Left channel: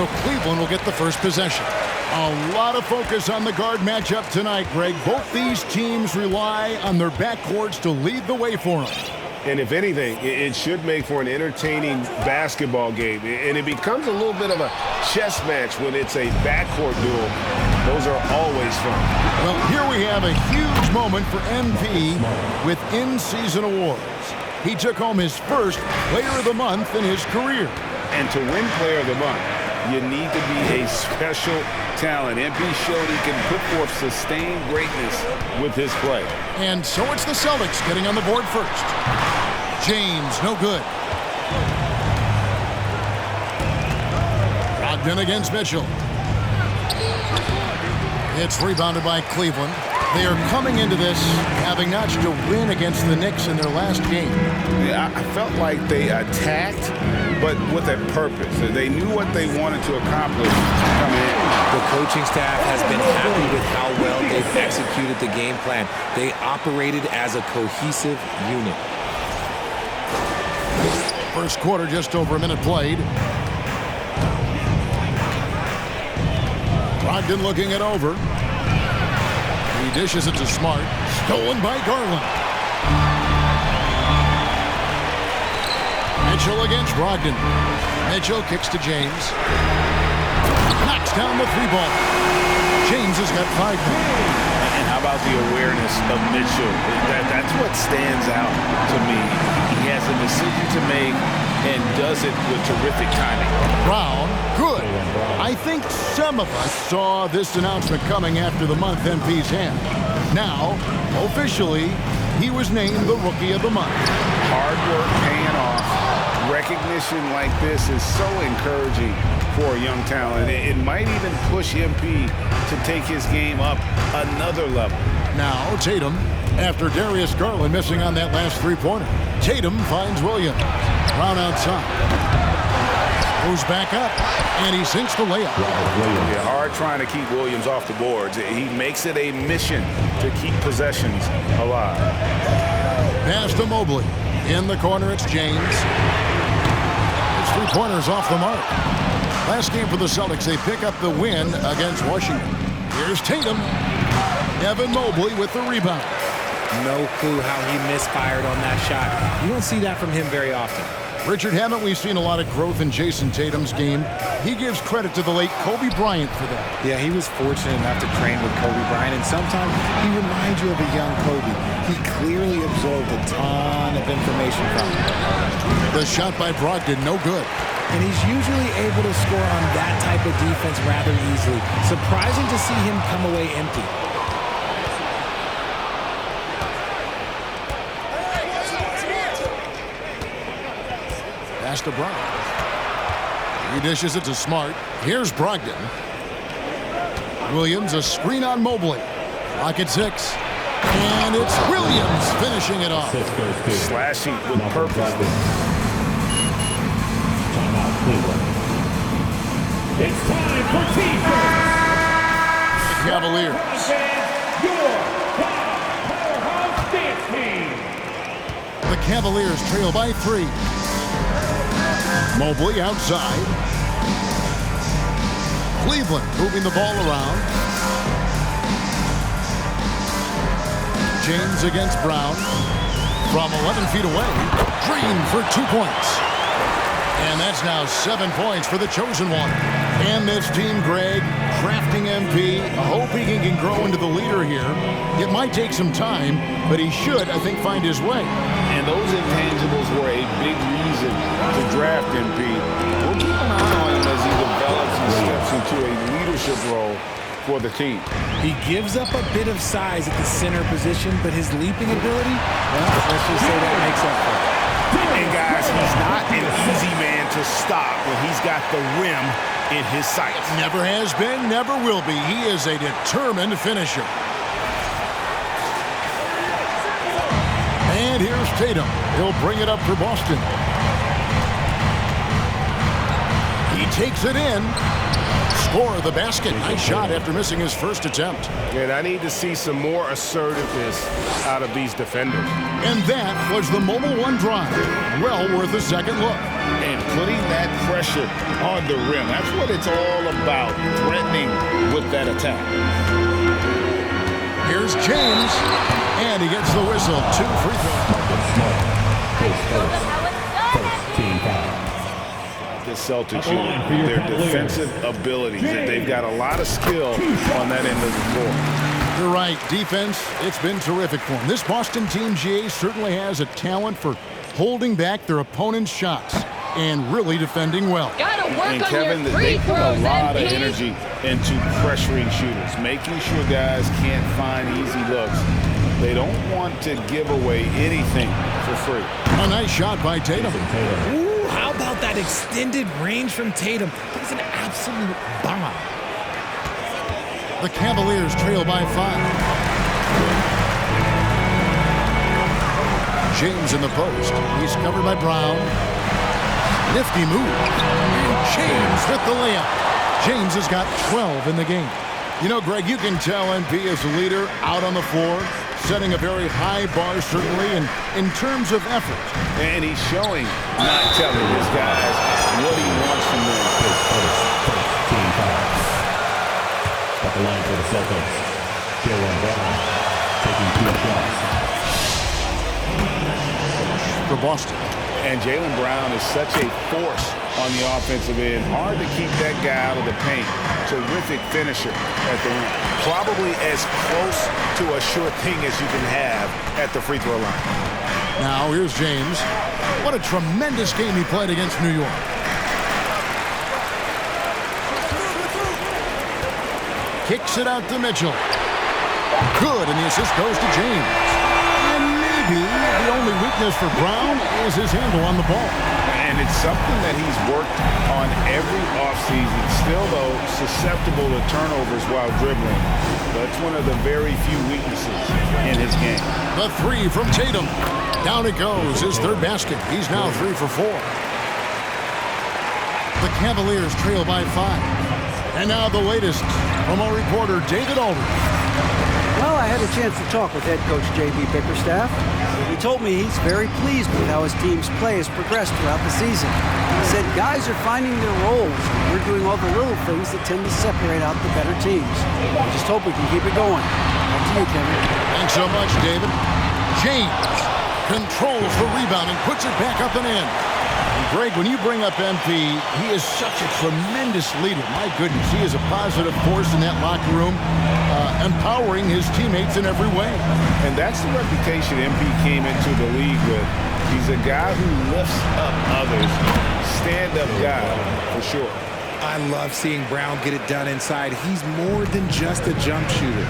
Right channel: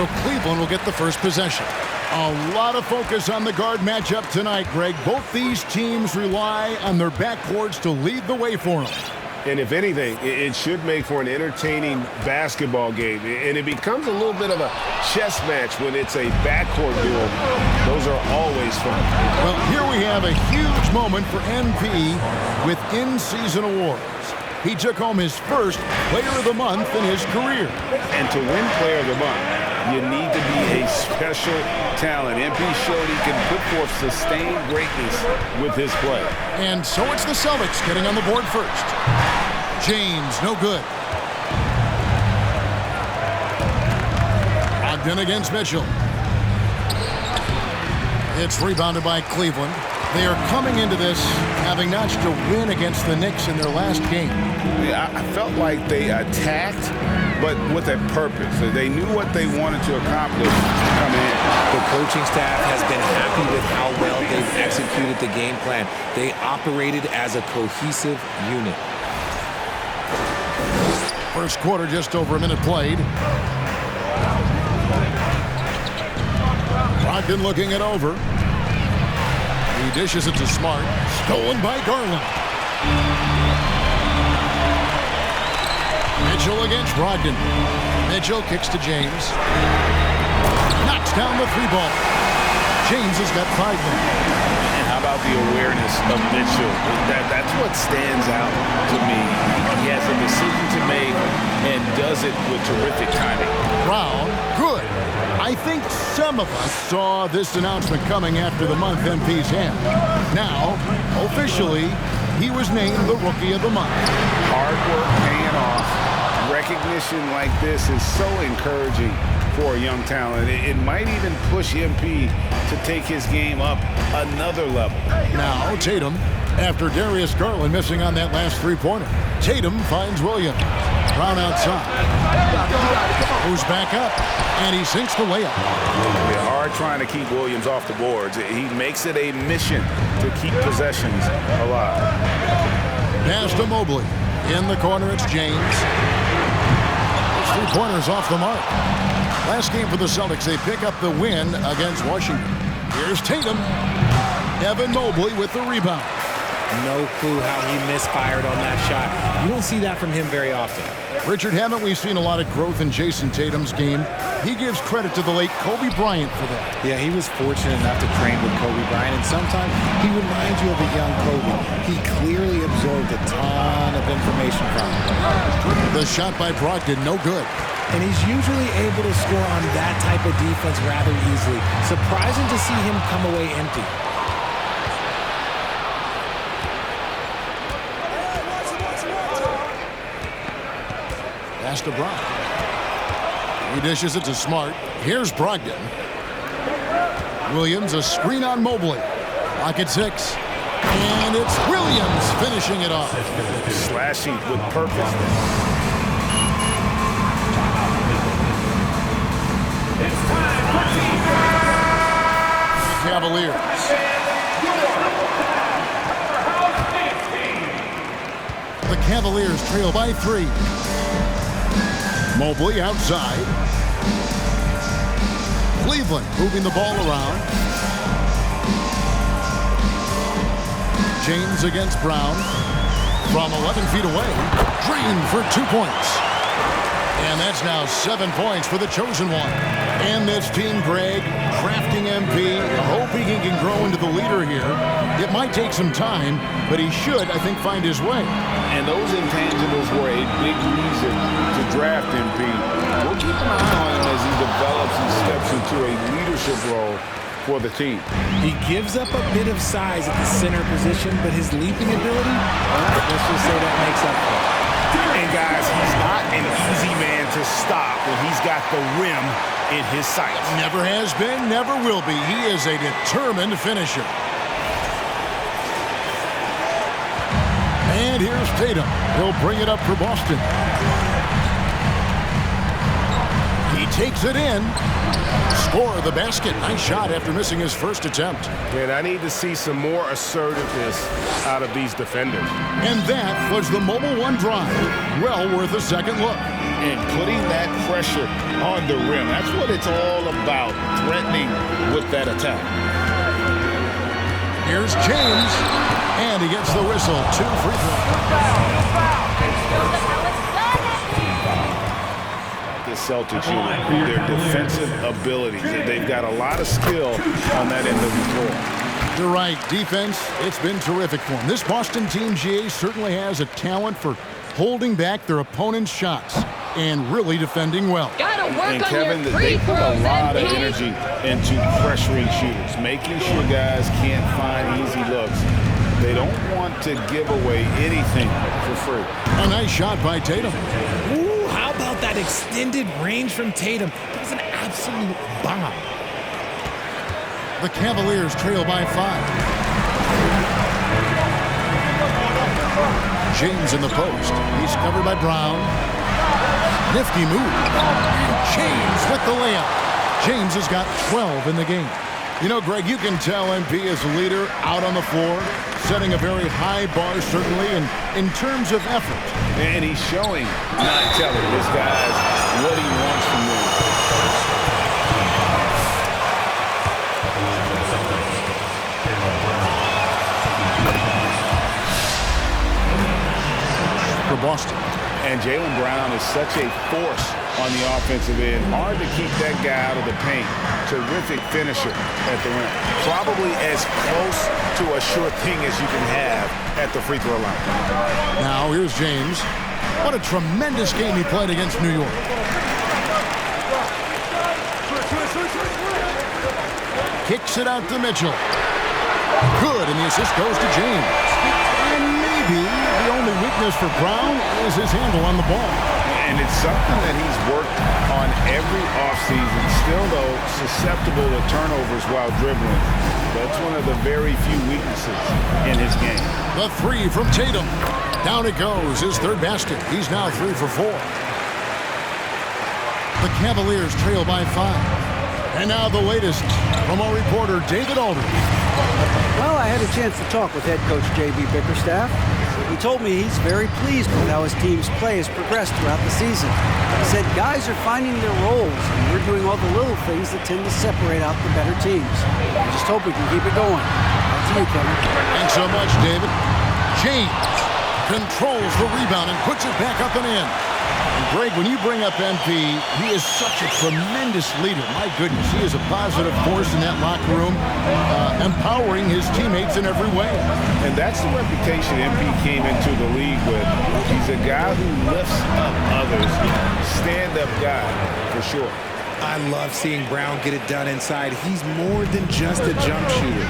So Cleveland will get the first possession. A lot of focus on the guard matchup tonight, Greg. Both these teams rely on their backcourts to lead the way for them. And if anything, it should make for an entertaining basketball game. And it becomes a little bit of a chess match when it's a backcourt duel. Those are always fun. Well, here we have a huge moment for MP with in-season awards. He took home his first Player of the Month in his career. And to win Player of the Month, you need to be a special talent. MP showed he can put forth sustained greatness with his play. And so it's the Celtics getting on the board first. James, no good. Brogdon against Mitchell. It's rebounded by Cleveland. They are coming into this having notched a win against the Knicks in their last game. Yeah, I felt like they attacked, but with a purpose. They knew what they wanted to accomplish coming in. The coaching staff has been happy with how well they've executed the game plan. They operated as a cohesive unit. First quarter, just over a minute played. Brogdon looking it over. He dishes it to Smart. Stolen by Garland. Mitchell against Brogdon. Mitchell kicks to James. Knocks down the three ball. James has got 5 now. And how about the awareness of Mitchell? That's what stands out to me. He has a decision to make and does it with terrific timing. Brown, good. I think some of us saw this announcement coming after the month MP's had. Now, officially, he was named the Rookie of the Month. Hard work paying off. Recognition like this is so encouraging for a young talent. It might even push MP to take his game up another level. Now, Tatum, after Darius Garland missing on that last three-pointer. Tatum finds Williams. Brown outside. Goes back up, and he sinks the layup. Yeah, hard trying to keep Williams off the boards. He makes it a mission to keep possessions alive. Pass to Mobley. In the corner, it's James. His three-pointer's off the mark. Last game for the Celtics, they pick up the win against Washington. Here's Tatum. Evan Mobley with the rebound. No clue how he misfired on that shot. You don't see that from him very often. Richard, haven't we seen a lot of growth in Jason Tatum's game? He gives credit to the late Kobe Bryant for that. Yeah, he was fortunate enough to train with Kobe Bryant, and sometimes he reminds you of a young Kobe. He clearly absorbed a ton of information from him. The shot by Brogdon, no good. And he's usually able to score on that type of defense rather easily. Surprising to see him come away empty. Pass to Brown. He dishes it to Smart. Here's Brogdon. Williams, a screen on Mobley. Clock at 6. And it's Williams finishing it off. Slashing with purpose. It's time for team. The Cavaliers. Your powerhouse dance team. The Cavaliers trail by 3. Mobley outside. Cleveland moving the ball around. James against Brown. From 11 feet away. Green for 2 points. And that's now 7 points for the chosen one. And this team, Greg, crafting MP, hoping he can grow into the leader here. It might take some time, but he should, I think, find his way. And those intangibles were a big reason to draft MP. We'll keep an eye on him as he develops and steps into a leadership role for the team. He gives up a bit of size at the center position, but his leaping ability, well, let's just say that makes up for it. And guys, he's not an easy man to stop when he's got the rim in his sights. Never has been, never will be. He is a determined finisher. And here's Tatum. He'll bring it up for Boston. He takes it in. Score of the basket. Nice shot after missing his first attempt. And I need to see some more assertiveness out of these defenders. And that was the Mobile One drive. Well worth a second look. and putting that pressure on the rim. That's what it's all about, threatening with that attack. Here's James, and he gets the whistle. 2 free throws. The Celtics unit, their defensive abilities. They've got a lot of skill on that end of the floor. You're right. Defense, it's been terrific for them. This Boston team, GA, certainly has a talent for holding back their opponent's shots and really defending well. Gotta work And on Kevin, your they free put throws, a lot of MP. energy into pressuring shooters, making sure guys can't find easy looks. They don't want to give away anything for free. A nice shot by Tatum. Ooh, how about that extended range from Tatum? That was an absolute bomb. The Cavaliers trail by 5. James in the post. He's covered by Brown. Nifty move. And James with the layup. James has got 12 in the game. You know, Greg, you can tell MP is a leader out on the floor, setting a very high bar, certainly, in terms of effort. And he's showing, not telling his guys what he wants from them. At the line for the Celtics, Jaylen Brown taking 2 shots. For Boston. And Jaylen Brown is such a force on the offensive end. Hard to keep that guy out of the paint. Terrific finisher at the rim. Probably as close to a sure thing as you can have at the free throw line. Now here's James. What a tremendous game he played against New York. Kicks it out to Mitchell. Good, and the assist goes to James. And maybe the only weakness for Brown is his handle on the ball. And it's something that he's worked on every offseason. Still, though, susceptible to turnovers while dribbling. That's one of the very few weaknesses in his game. The 3 from Tatum. Down it goes, his 3rd basket. He's now 3 for 4. The Cavaliers trail by 5. And now the latest from our reporter, David Aldridge. Well, I had a chance to talk with head coach J.B. Bickerstaff. He told me he's very pleased with how his team's play has progressed throughout the season. He said guys are finding their roles, and we're doing all the little things that tend to separate out the better teams. I just hope we can keep it going. Back to you, Kevin. Thanks so much, David. James controls the rebound and puts it back up and in. And Greg, when you bring up MP, he is such a tremendous leader. My goodness, he is a positive force in that locker room, empowering his teammates in every way. And that's the reputation MP came into the league with. He's a guy who lifts up others, stand-up guy for sure. I love seeing Brown get it done inside. He's more than just a jump shooter.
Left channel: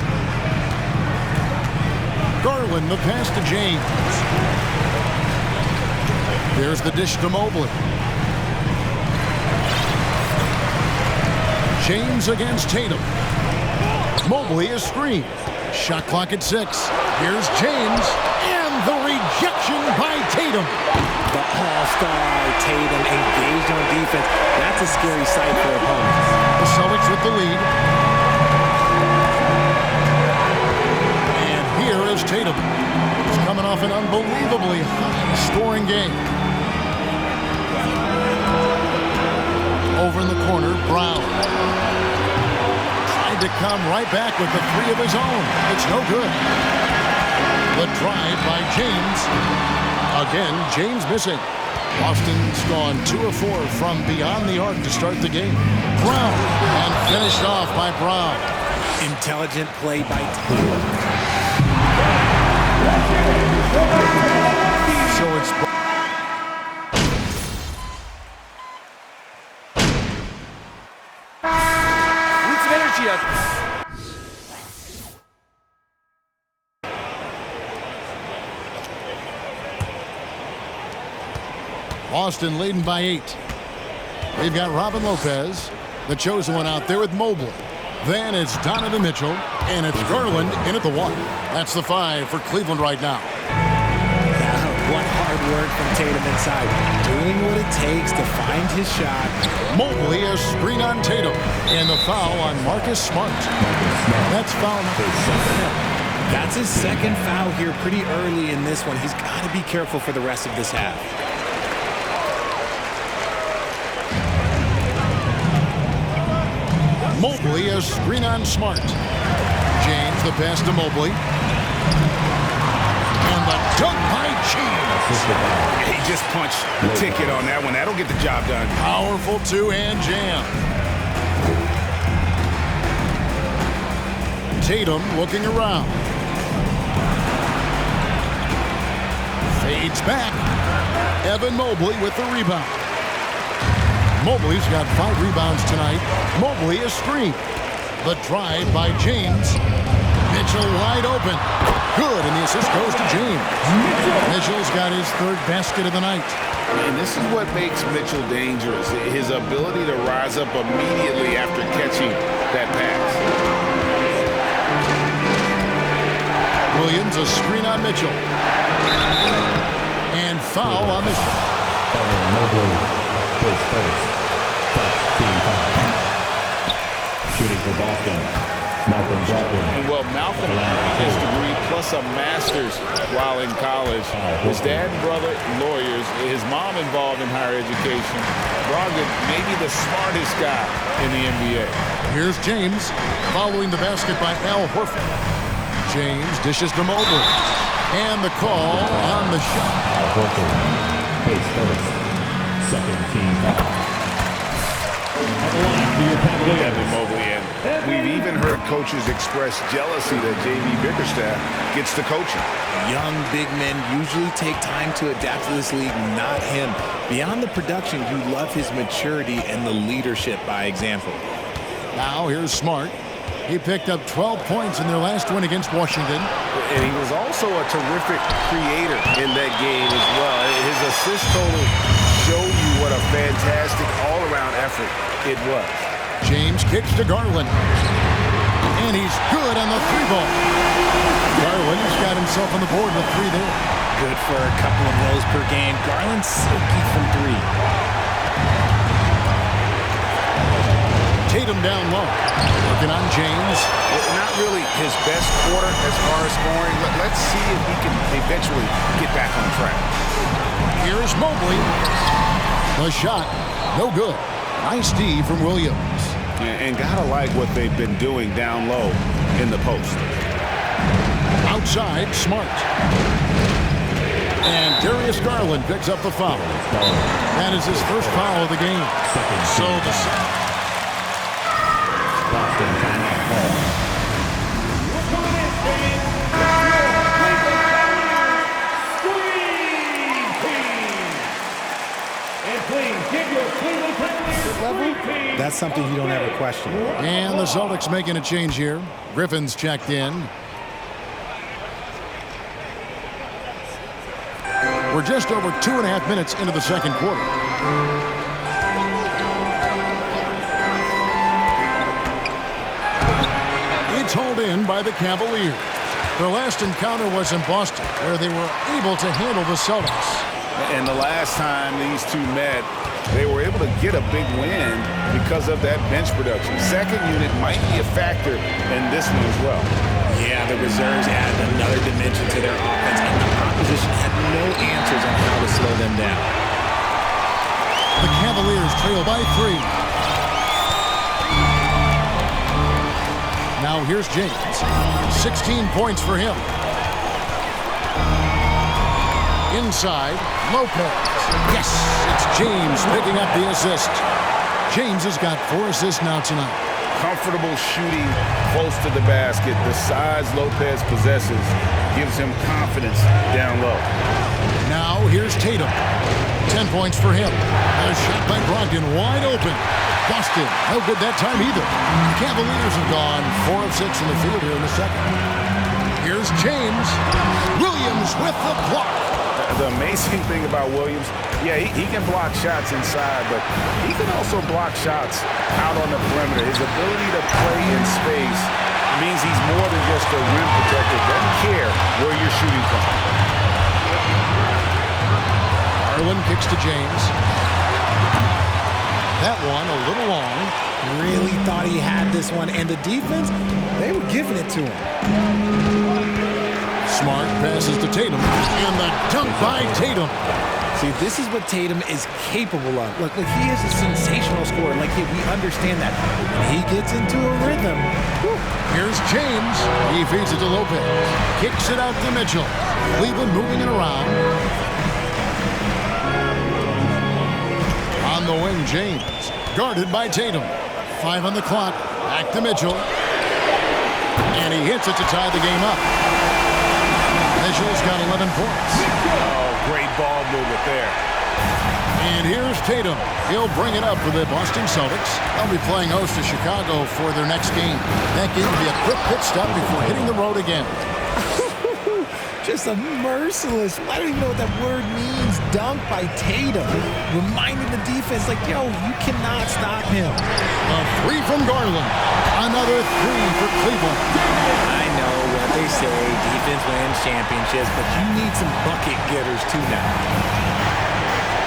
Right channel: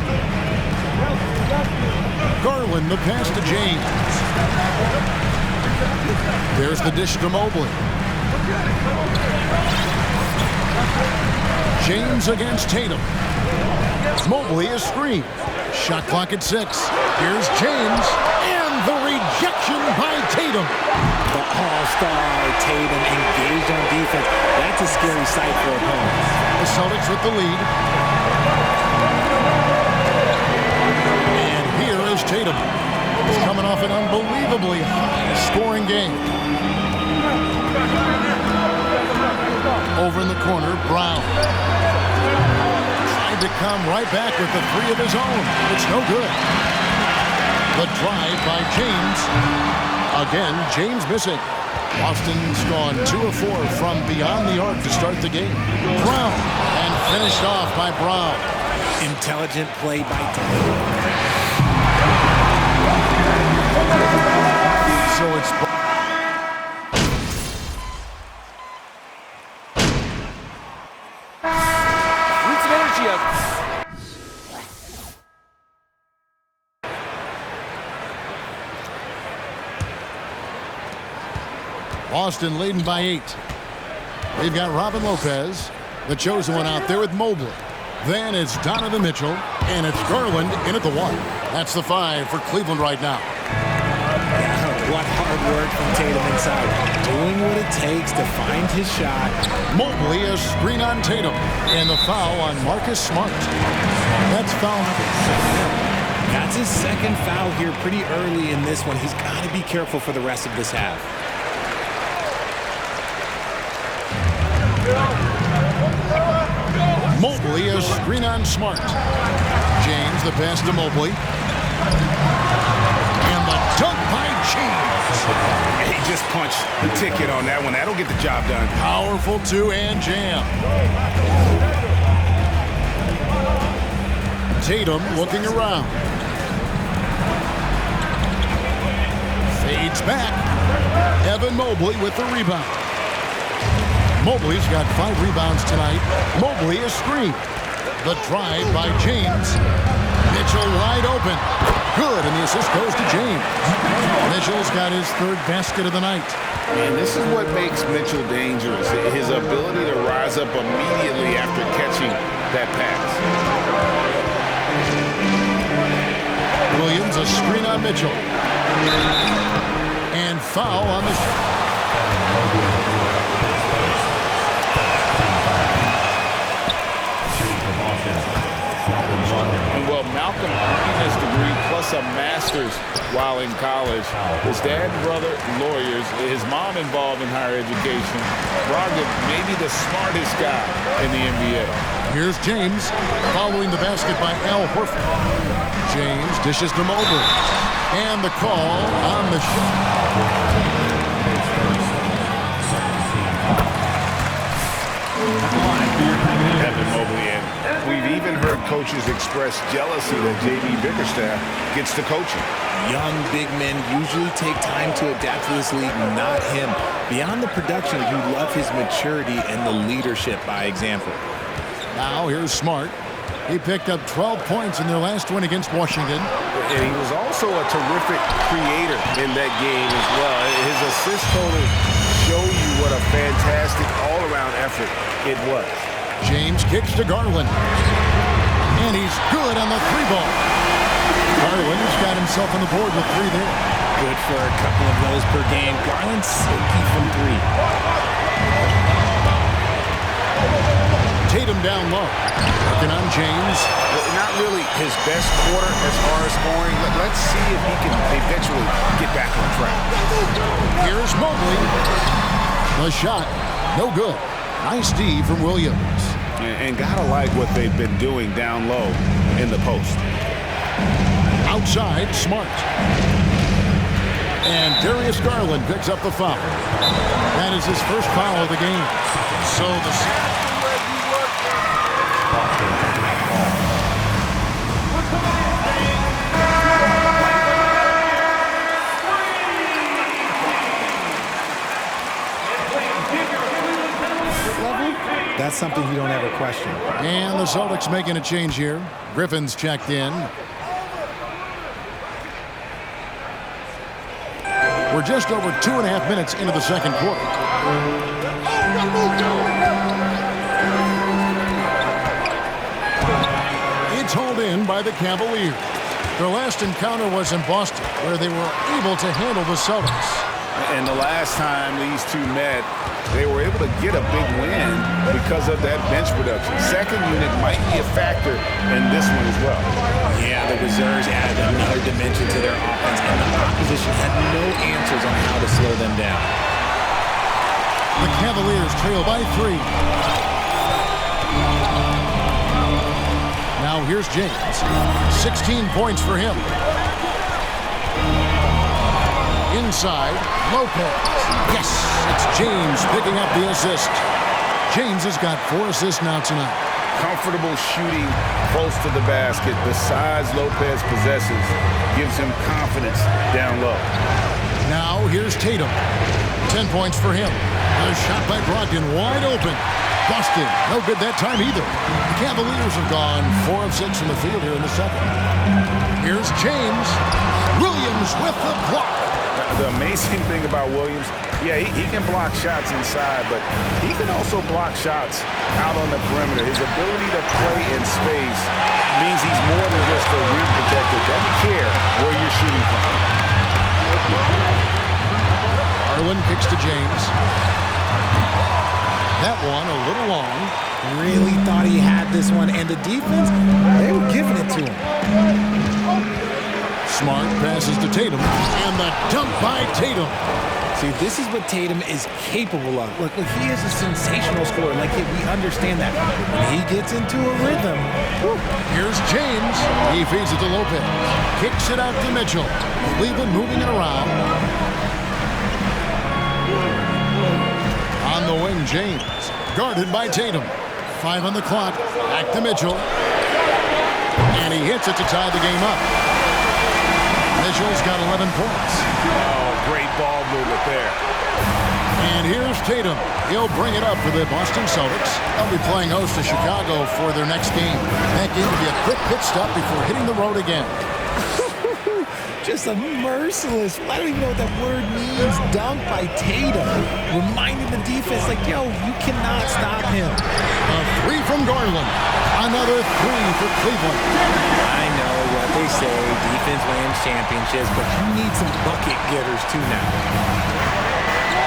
Garland, the pass to James. There's the dish to Mobley. James against Tatum. Mobley is screened. Shot clock at 6. Here's James, and the rejection by Tatum. The all-star Tatum engaged on defense. That's a scary sight for opponents. The Celtics with the lead. And here is Tatum. He's coming off an unbelievably high-scoring game. Over in the corner, Brown. Tried to come right back with the 3 of his own. It's no good. The drive by James. Again, James missing. Boston's gone 2 of 4 from beyond the arc to start the game. Brown, and finished off by Brown. Intelligent play by Tatum. So it's Boston leading by 8. They've got Robin Lopez, the chosen one, out there with Mobley. Then it's Donovan Mitchell, and it's Garland in at the 1. That's the 5 for Cleveland right now. What hard work from Tatum inside. Doing what it takes to find his shot. Mobley a screen on Tatum, and the foul on Marcus Smart. That's foul number 7. That's his 2nd foul here pretty early in this one. He's got to be careful for the rest of this half. Mobley, a screen on Smart. James, the pass to Mobley. And the dunk by James. He just punched the ticket on that one. That'll get the job done. Powerful two-hand jam. Tatum looking around. Fades back. Evan Mobley with the rebound. Mobley's got 5 rebounds tonight. Mobley a screen. The drive by James. Mitchell wide open. Good, and the assist goes to James. Mitchell's got his 3rd basket of the night. And this is what makes Mitchell dangerous, his ability to rise up immediately after catching that pass. Williams, a screen on Mitchell. And foul on the shot. Mobley, his first. Team foul. Shooting for Boston, Malcolm Brogdon. And well, Malcolm earned his degree plus a master's while in college. His dad and brother, lawyers. His mom involved in higher education. Brogdon may be the smartest guy in the NBA. Here's James following the basket by Al Horford. James dishes to Mobley. And the call on the shot. Horford, his first. Second team foul. At the line for your Cavaliers. Evan Mobley, and we've even heard coaches express jealousy that J.B. Bickerstaff gets to coaching. Young big men usually take time to adapt to this league, not him. Beyond the production, you love his maturity and the leadership by example. Now here's Smart. He picked up 12 points in their last win against Washington. And he was also a terrific creator in that game as well. His assist totals show you what a fantastic all-around effort it was. James kicks to Garland. And he's good on the 3-ball. Garland has got himself on the board with 3 there. Good for a couple of those per game. Garland silky from 3. Tatum down low. Working on James. Not really his best quarter as far as scoring. Let's see if he can eventually get back on track. Here's Mobley. The shot, no good. Nice D from Williams. And gotta like what they've been doing down low in the post. Outside, Smart. And Darius Garland picks up the foul. That is his first foul of the game. So the Boston taking that ball. That's something you don't ever question. And the Celtics making a change here. Griffin's checked in. We're just over 2.5 minutes into the second quarter. It's hauled in by the Cavaliers. Their last encounter was in Boston, where they were able to handle the Celtics. And the last time these two met, they were able to get a big win because of that bench production. Second unit might be a factor in this one as well. Yeah, the reserves added another dimension to their offense, and the opposition had no answers on how to slow them down. The Cavaliers trail by 3. Now here's James. 16 points for him. Inside, Lopez. Yes, it's James picking up the assist. James has got 4 assists now tonight. Comfortable shooting close to the basket. The size Lopez possesses gives him confidence down low. Now here's Tatum. 10 points for him. A shot by Brogdon wide open. Boston, no good that time either. The Cavaliers have gone 4 of 6 from the field here in the second. Here's James. Williams with the block. The amazing thing about Williams, yeah, he can block shots inside, but he can also block shots out on the perimeter. His ability to play in space means he's more than just a rim protector. Doesn't care where you're shooting from. Garland kicks to James. That one a little long. Really thought he had this one, and the defense, they were giving it to him. Smart passes to Tatum, and the dunk by Tatum. See, this is what Tatum is capable of. Look, he is a sensational scorer. Like, we understand that. But when he gets into a rhythm, whew. Here's James. He feeds it to Lopez. Kicks it out to Mitchell. Cleveland moving it around. On the wing, James. Guarded by Tatum. 5 on the clock. Back to Mitchell. And he hits it to tie the game up. Mitchell's got 11 points. Oh, great ball movement there. And here's Tatum. He'll bring it up for the Boston Celtics. They'll be playing host to Chicago for their next game. That game will be a quick pit stop before hitting the road again. Just a merciless, I don't even know what that word means, dunk by Tatum. Reminding the defense, like, yo, you cannot stop him. A 3 from Garland. Another 3 for Cleveland. I know what they say, defense wins championships, but you need some bucket getters too now.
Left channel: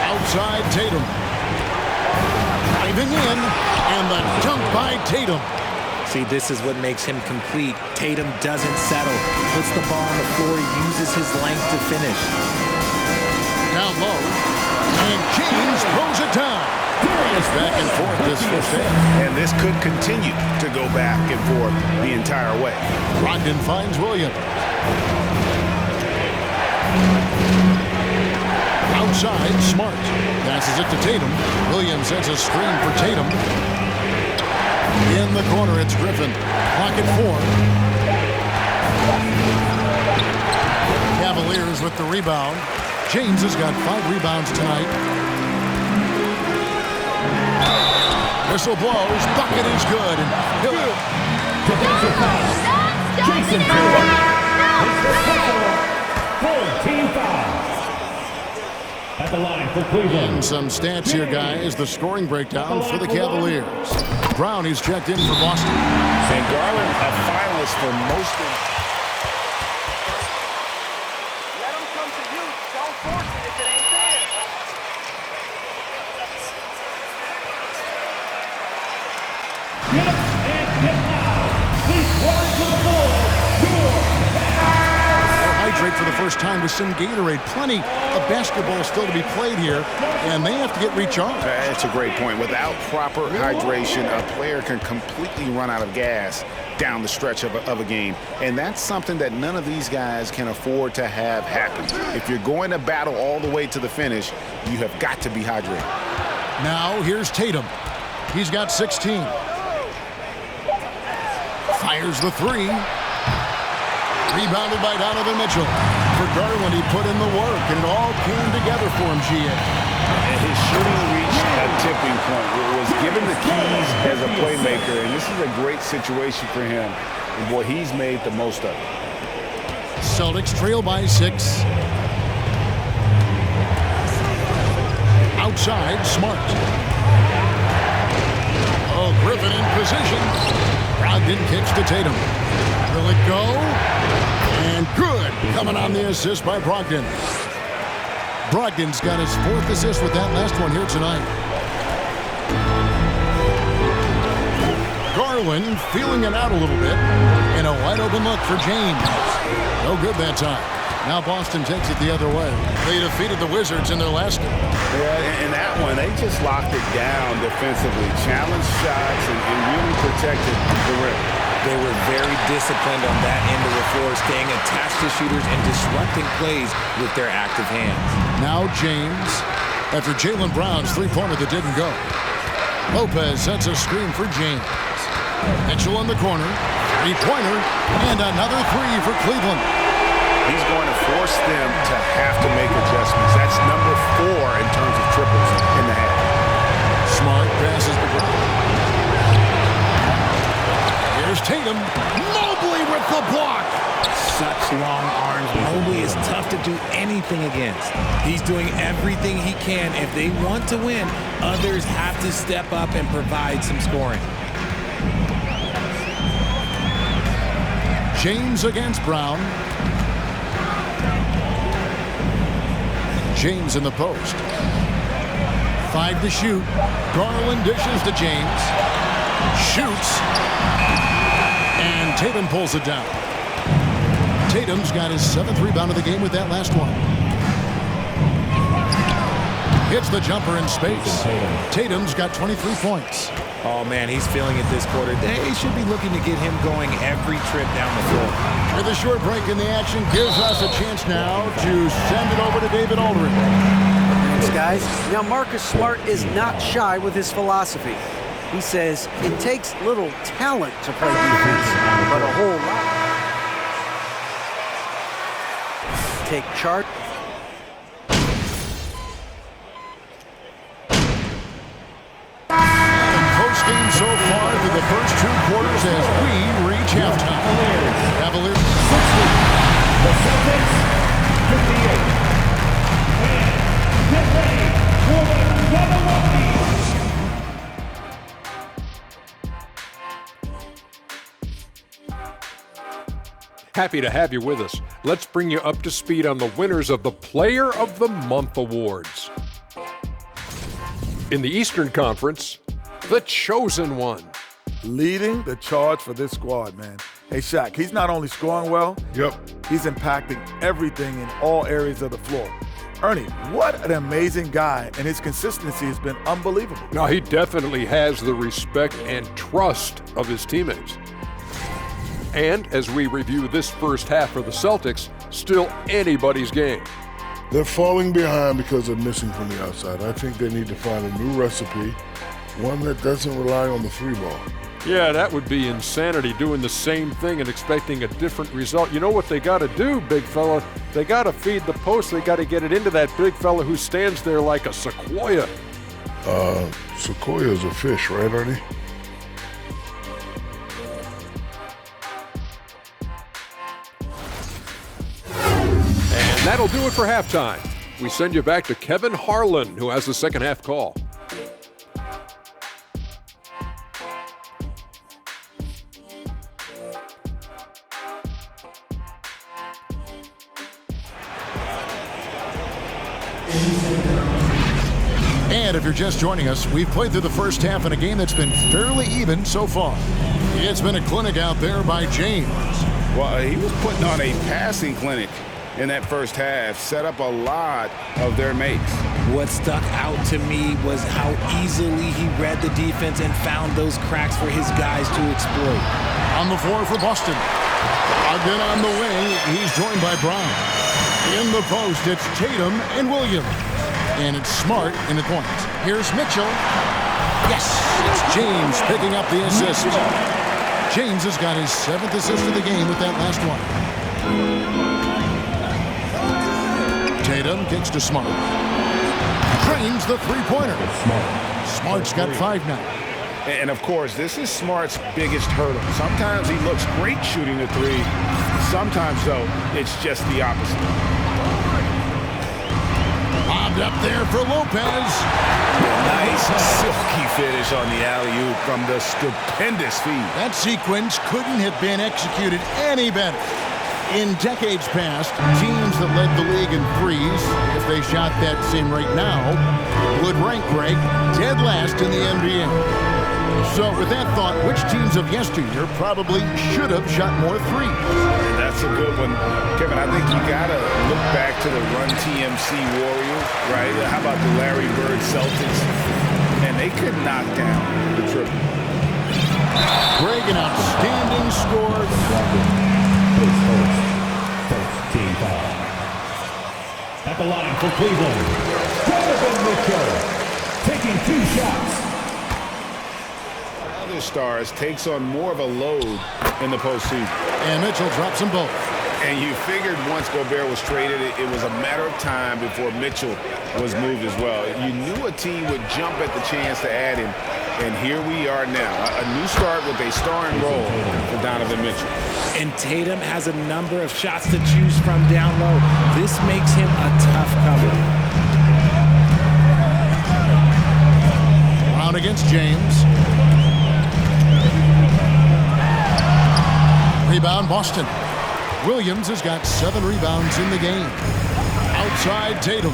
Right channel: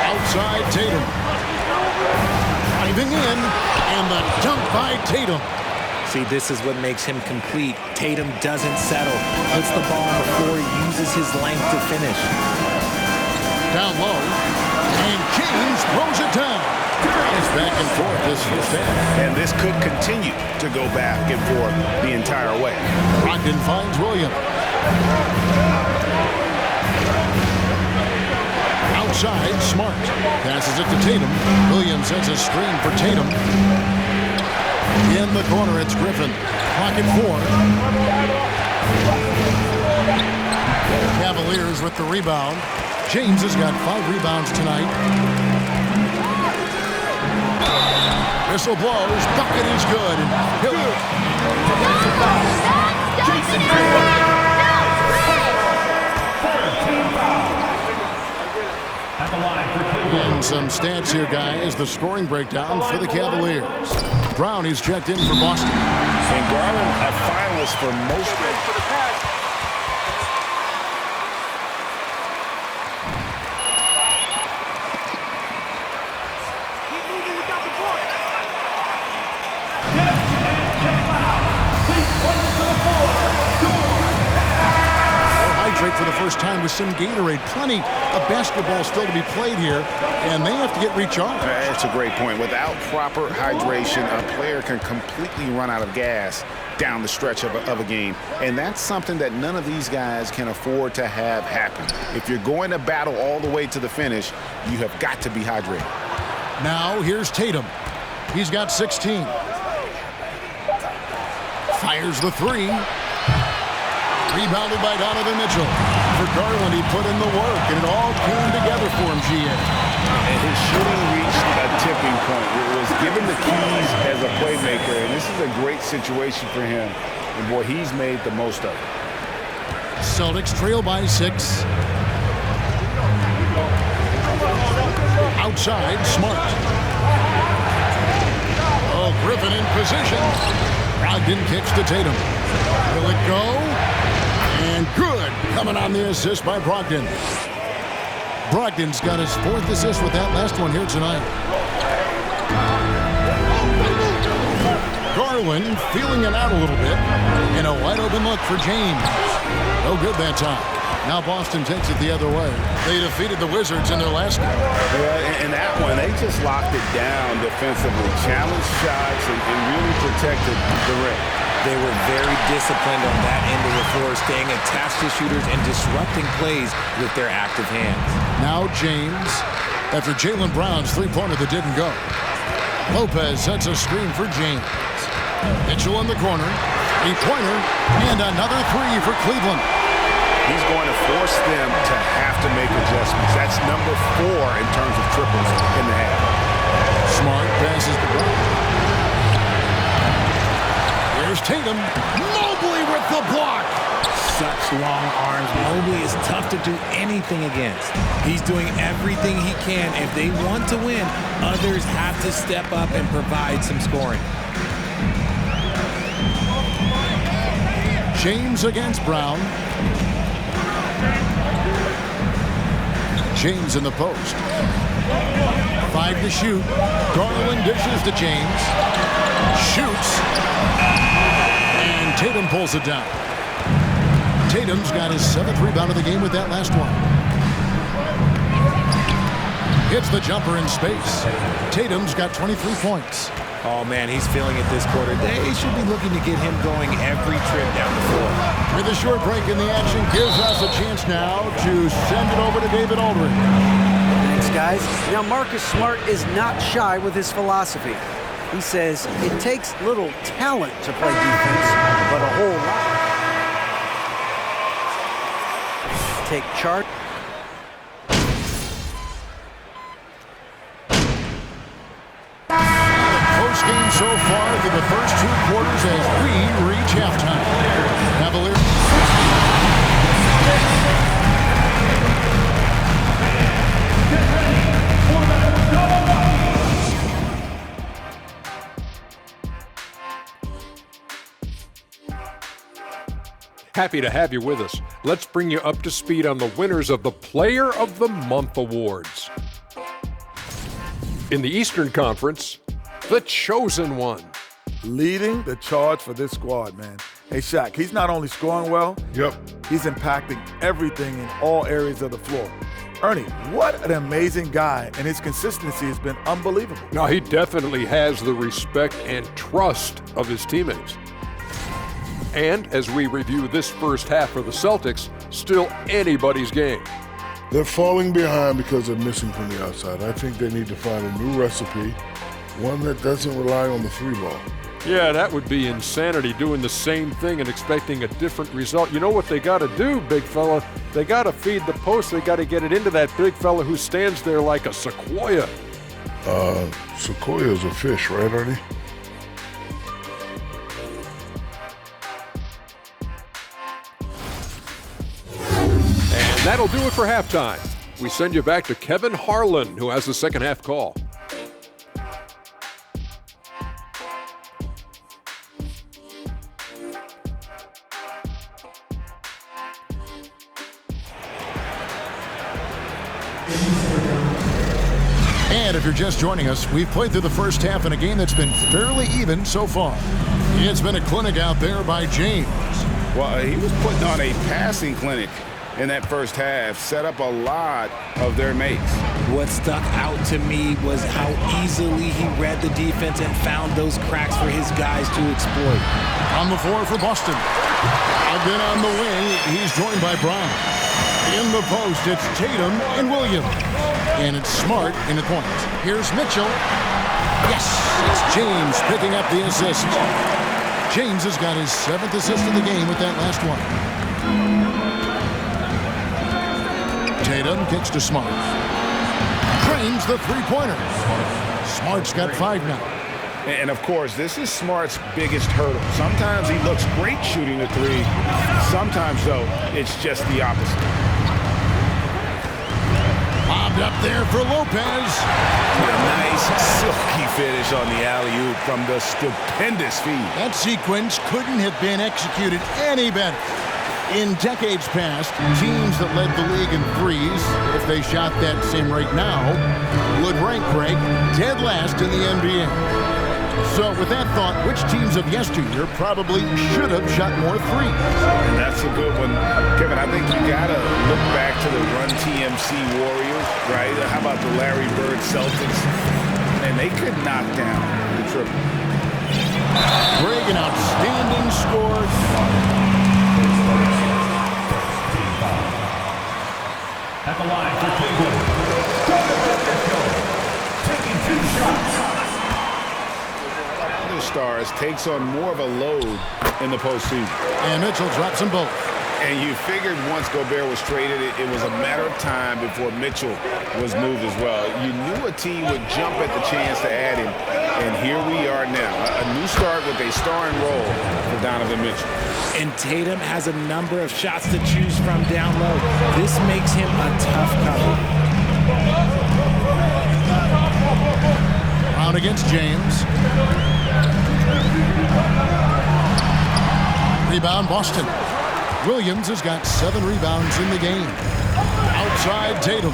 Outside Tatum. Driving in, and the dunk by Tatum. See, this is what makes him complete. Tatum doesn't settle, puts the ball on the floor, uses his length to finish. Down low, and James throws it down. It's back and forth this first half. And this could continue to go back and forth the entire way. Brogdon finds Williams. Outside, Smart. Passes it to Tatum. Williams sets a screen for Tatum. In the corner, it's Griffin. Clock at 4. Cavaliers with the rebound. James has got 5 rebounds tonight. Whistle blows. Bucket is good. And he'll... Jason team foul. At the line for Cleveland. And some stats here, guys. The scoring breakdown for the Cavaliers. Brown, he's checked in for Boston. St. Garland, a finalist for most of... Hydrate for the first time with some Gatorade. Plenty of basketball still to be played here, and they have to get recharged. That's a great point. Without proper hydration, a player can completely run out of gas down the stretch of a game. And that's something that none of these guys can afford to have happen. If you're going to battle all the way to the finish, you have got to be hydrated. Now here's Tatum. He's got 16. Fires the 3. Rebounded by Donovan Mitchell. For Garland, he put in the work, and it all came together for him, GA. And his shooting reached a tipping point. It was given the keys as a playmaker, and this is a great situation for him. And, boy, he's made the most of it. Celtics trail by 6. Outside, Smart. Oh, Griffin in position. Brogdon kicks to Tatum. Will it go? And good, coming on the assist by Brogdon. Brogdon's got his 4th assist with that last one here tonight. Garland feeling it out a little bit. And a wide open look for James. No good that time. Now Boston takes it the other way. They defeated the Wizards in their last game. Yeah, in that one, they just locked it down defensively, challenged shots, and really protected the rim. They were very disciplined on that end of the floor, staying attached to shooters and disrupting plays with their active hands. Now James, after Jaylen Brown's 3-pointer that didn't go. Lopez sets a screen for James. Mitchell in the corner, 3-pointer, and another 3 for Cleveland. He's going to force them to have to make adjustments. That's number 4 in terms of triples in the half. Smart passes to Brown. Here's Tatum. Mobley with the block. Such long arms. Mobley is tough to do anything against. He's doing everything he can. If they want to win, others have to step up and provide some scoring. James against Brown. James in the post. 5 to shoot. Garland dishes to James. Shoots. And Tatum pulls it down. Tatum's got his 7th rebound of the game with that last one. Hits the jumper in space. Tatum's got 23 points. Oh, man, he's feeling it this quarter. They should be looking to get him going every trip down the floor. With a short break in the action, gives us a chance now to send it over to David Aldridge. Thanks, guys. Now, Marcus Smart is not shy with his philosophy. He says it takes little talent to play defense, but a whole lot. Take charge. Game so far through the first 2 quarters as we reach halftime. Cavaliers 60. Get ready for the double Happy to have you with us. Let's bring you up to speed on the winners of the Player of the Month awards. In the Eastern Conference, the Chosen One. Leading the charge for this squad, man. Hey, Shaq, he's not only scoring well, he's impacting everything in all areas of the floor. Ernie, what an amazing guy, and his consistency has been unbelievable. Now, he definitely has the respect and trust of his teammates. And as we review this first half for the Celtics, still anybody's game. They're falling behind because they're missing from the outside. I think they need to find a new recipe, one that doesn't rely on the free ball. Yeah, that would be insanity, doing the same thing and expecting a different result. You know what they got to do, big fella? They got to feed the post. They got to get it into that big fella who stands there like a sequoia. Sequoia's a fish, right, Ernie? And that'll do it for halftime. We send you back to Kevin Harlan, who has the second half call. And if you're just joining us, we've played through the first half in a game that's been fairly even so far. It's been a clinic out there by James. Well, he was putting on a passing clinic in that first half, set up a lot of their makes. What stuck out to me was how easily he read the defense and found those cracks for his guys to exploit. On the floor for Boston. Again on the wing, he's joined by Brown. In the post, it's Tatum and Williams. And it's Smart in the point. Here's Mitchell. Yes, it's James picking up the assist. James has got his 7th assist of the game with that last one. Tatum kicks to Smart. Drains the three-pointer. Smart's got 5 now. And of course, this is Smart's biggest hurdle. Sometimes he looks great shooting the three. Sometimes, though, it's just the opposite. Lobbed up there for Lopez. A nice silky finish on the alley-oop from the stupendous feed. That sequence couldn't have been executed any better. In decades past, teams that led the league in threes, if they shot that same rate now, would rank Greg dead last in the NBA. So with that thought, which teams of yesteryear probably should have shot more threes? And that's a good one. Kevin, I think you got to look back to the Run TMC Warriors, right? How about the Larry Bird Celtics? And they could knock down the triple. Greg, an outstanding scorer. Team foul. At the line for Cleveland, Donovan Mitchell taking 2 shots. Other stars takes on more of a load in the postseason. And Mitchell drops them both. And you figured once Gobert was traded, it was a matter of time before Mitchell was moved as well. You knew a team would jump at the chance to add him, and here we are now. A new start with a starring role for Donovan Mitchell. And Tatum has a number of shots to choose from down low. This makes him a tough cover. Brown against James. Rebound, Boston. Williams has got 7 rebounds in the game. Outside Tatum.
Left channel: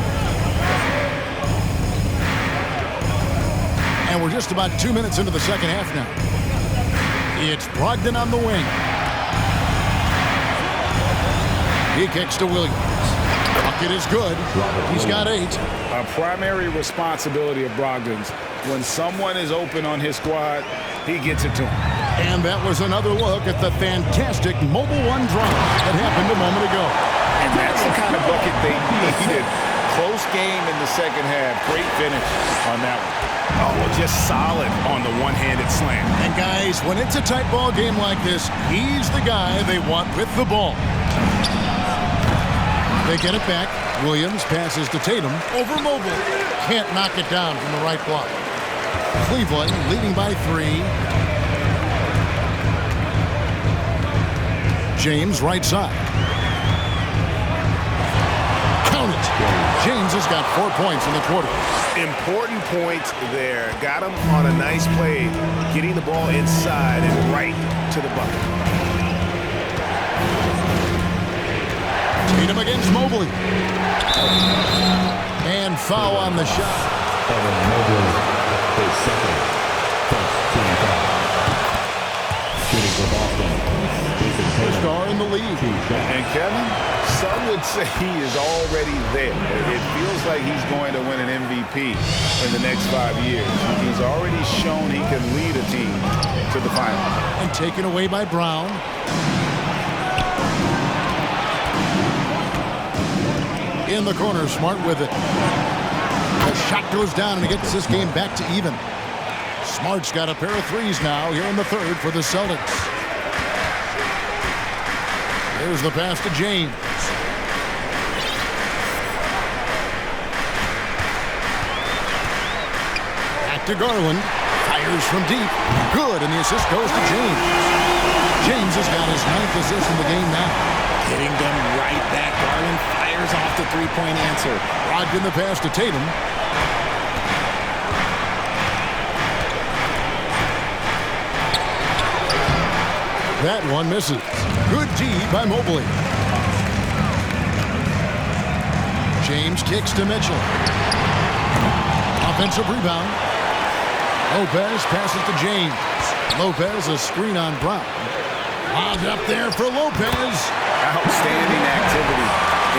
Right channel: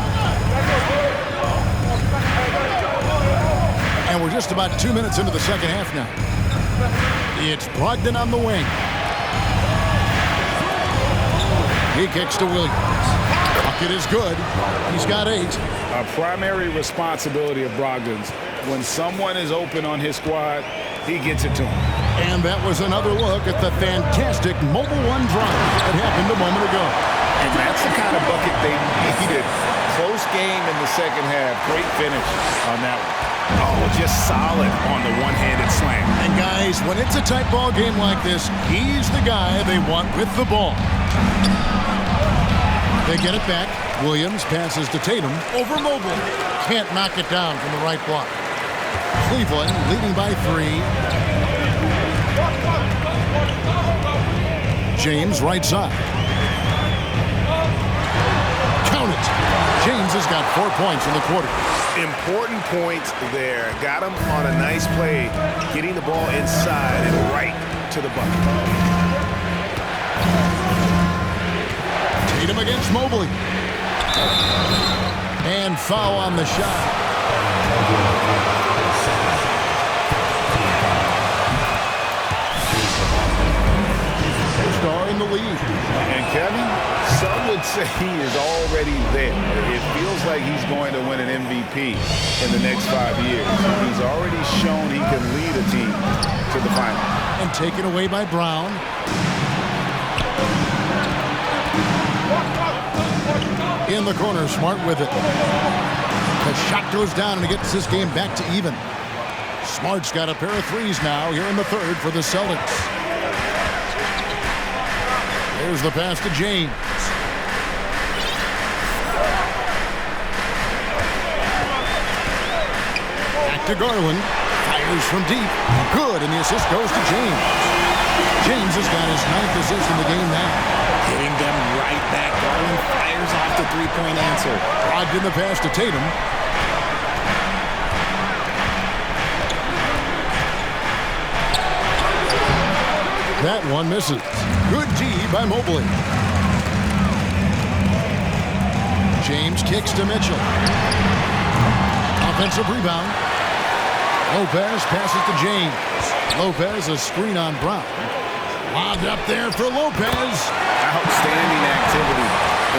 And we're just about 2 minutes into the second half now. It's Brogdon on the wing. He kicks to Williams. A bucket is good. He's got 8. A primary responsibility of Brogdon's. When someone is open on his squad, he gets it to him. And that was another look at the fantastic Mobile One drive that happened a moment ago. And that's the kind of bucket they needed. Close game in the second half. Great finish on that one. Oh, just solid on the one-handed slam. And guys, when it's a tight ball game like this, he's the guy they want with the ball. They get it back. Williams passes to Tatum over Mobley. Can't knock it down from the right block. Cleveland leading by 3. James right side. Count it. James has got 4 points in the quarter. Important points there. Got him on a nice play, getting the ball inside and right to the bucket. Tatum against Mobley. And foul on the shot. Star in the lead. And Kevin, some would say he is already there. It feels like he's going to win an MVP in the next 5 years. He's already shown he can lead a team to the final. And taken away by Brown. In the corner, Smart with it. The shot goes down and it gets this game back to even. Smart's got a pair of threes now here in the third for the Celtics. There's the pass to James. Back to Garland. Fires from deep. Good, and the assist goes to James. James has got his 9th assist in the game now. Hitting them right back. Garland fires off the three-point answer. Brogdon the pass to Tatum. That one misses. Good D by Mobley. James kicks to Mitchell. Offensive rebound. Lopez passes to James. Lopez a screen on Brown. Lobbed up there for Lopez. Outstanding activity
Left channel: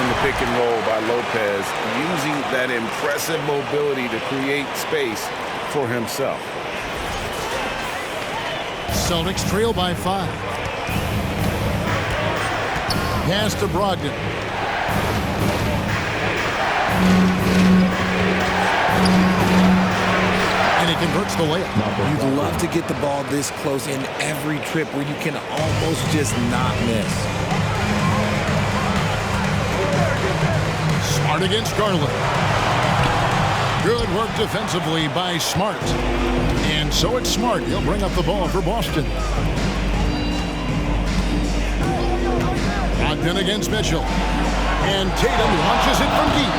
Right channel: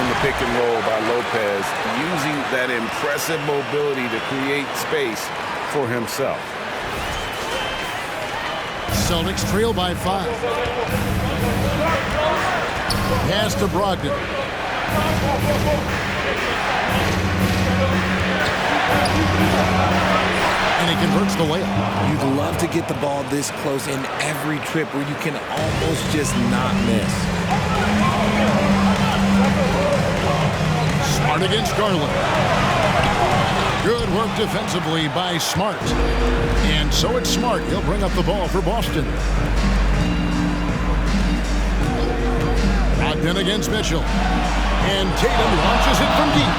in the pick and roll by Lopez, using that impressive mobility to create space for himself. Celtics trail by 5. Pass to Brogdon. And he converts the layup. You'd love to get the ball this close in every trip where you can almost just not miss. Smart against Garland. Good work defensively by Smart. And so it's Smart. He'll bring up the ball for Boston. Brogdon against Mitchell. And Tatum launches it from deep.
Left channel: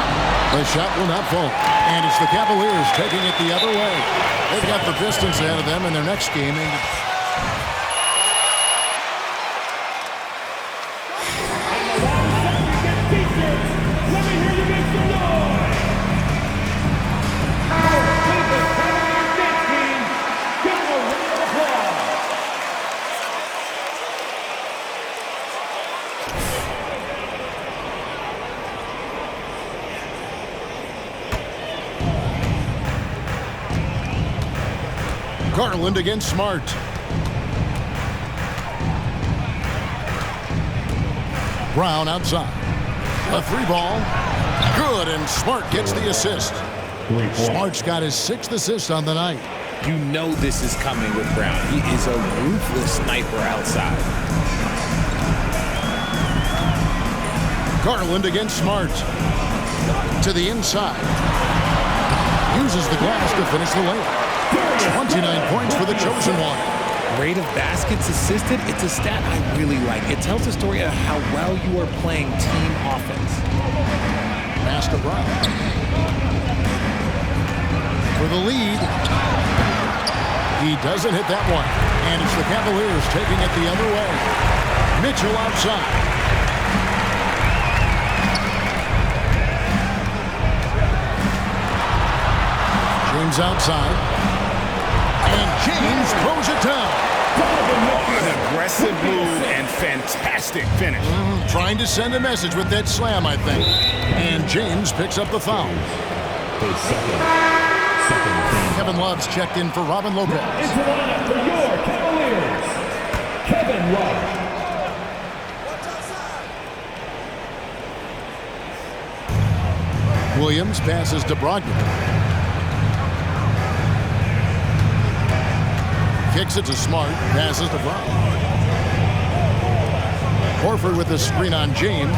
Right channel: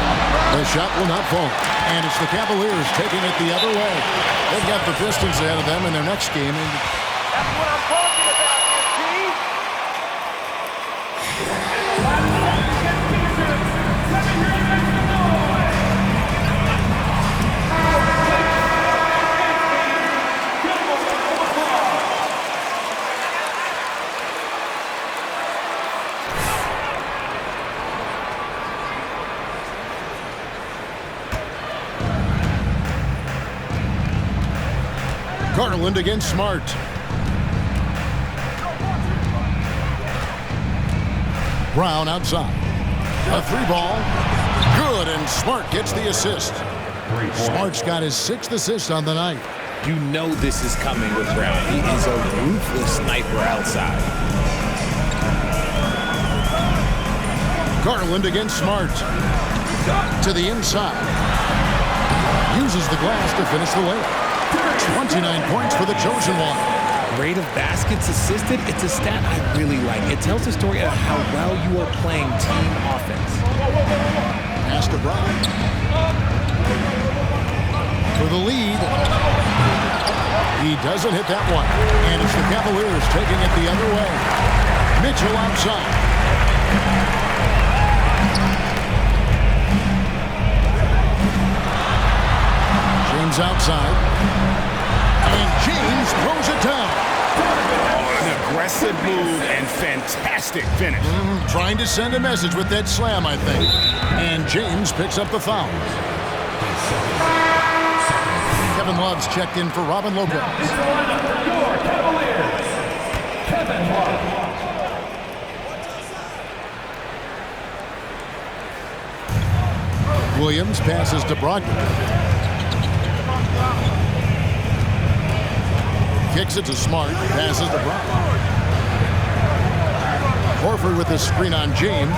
The shot will not fall. And it's the Cavaliers taking it the other way. They've got the Pistons ahead of them in their next game. Garland against Smart. Brown outside. A 3-ball. Good, and Smart gets the assist. Smart's got his 6th assist on the night. You know this is coming with Brown. He is a ruthless sniper outside. Garland against Smart. To the inside. Uses the glass to finish the layup. 29 points for the chosen one. Rate of baskets assisted, it's a stat I really like. It tells the story of how well you are playing team offense. Pass to Brown. For the lead. He doesn't hit that one. And it's the Cavaliers taking it the other way. Mitchell outside. James outside. And James throws it down. An aggressive move and fantastic finish. Trying to send a message with that slam, I think. And James picks up the foul. Kevin Love's checked in for Robin Lopez. It's the lineup for your Cavaliers, Kevin Love. Williams passes to Brogdon. Kicks it to Smart. Passes to Brown. Horford with the screen on James.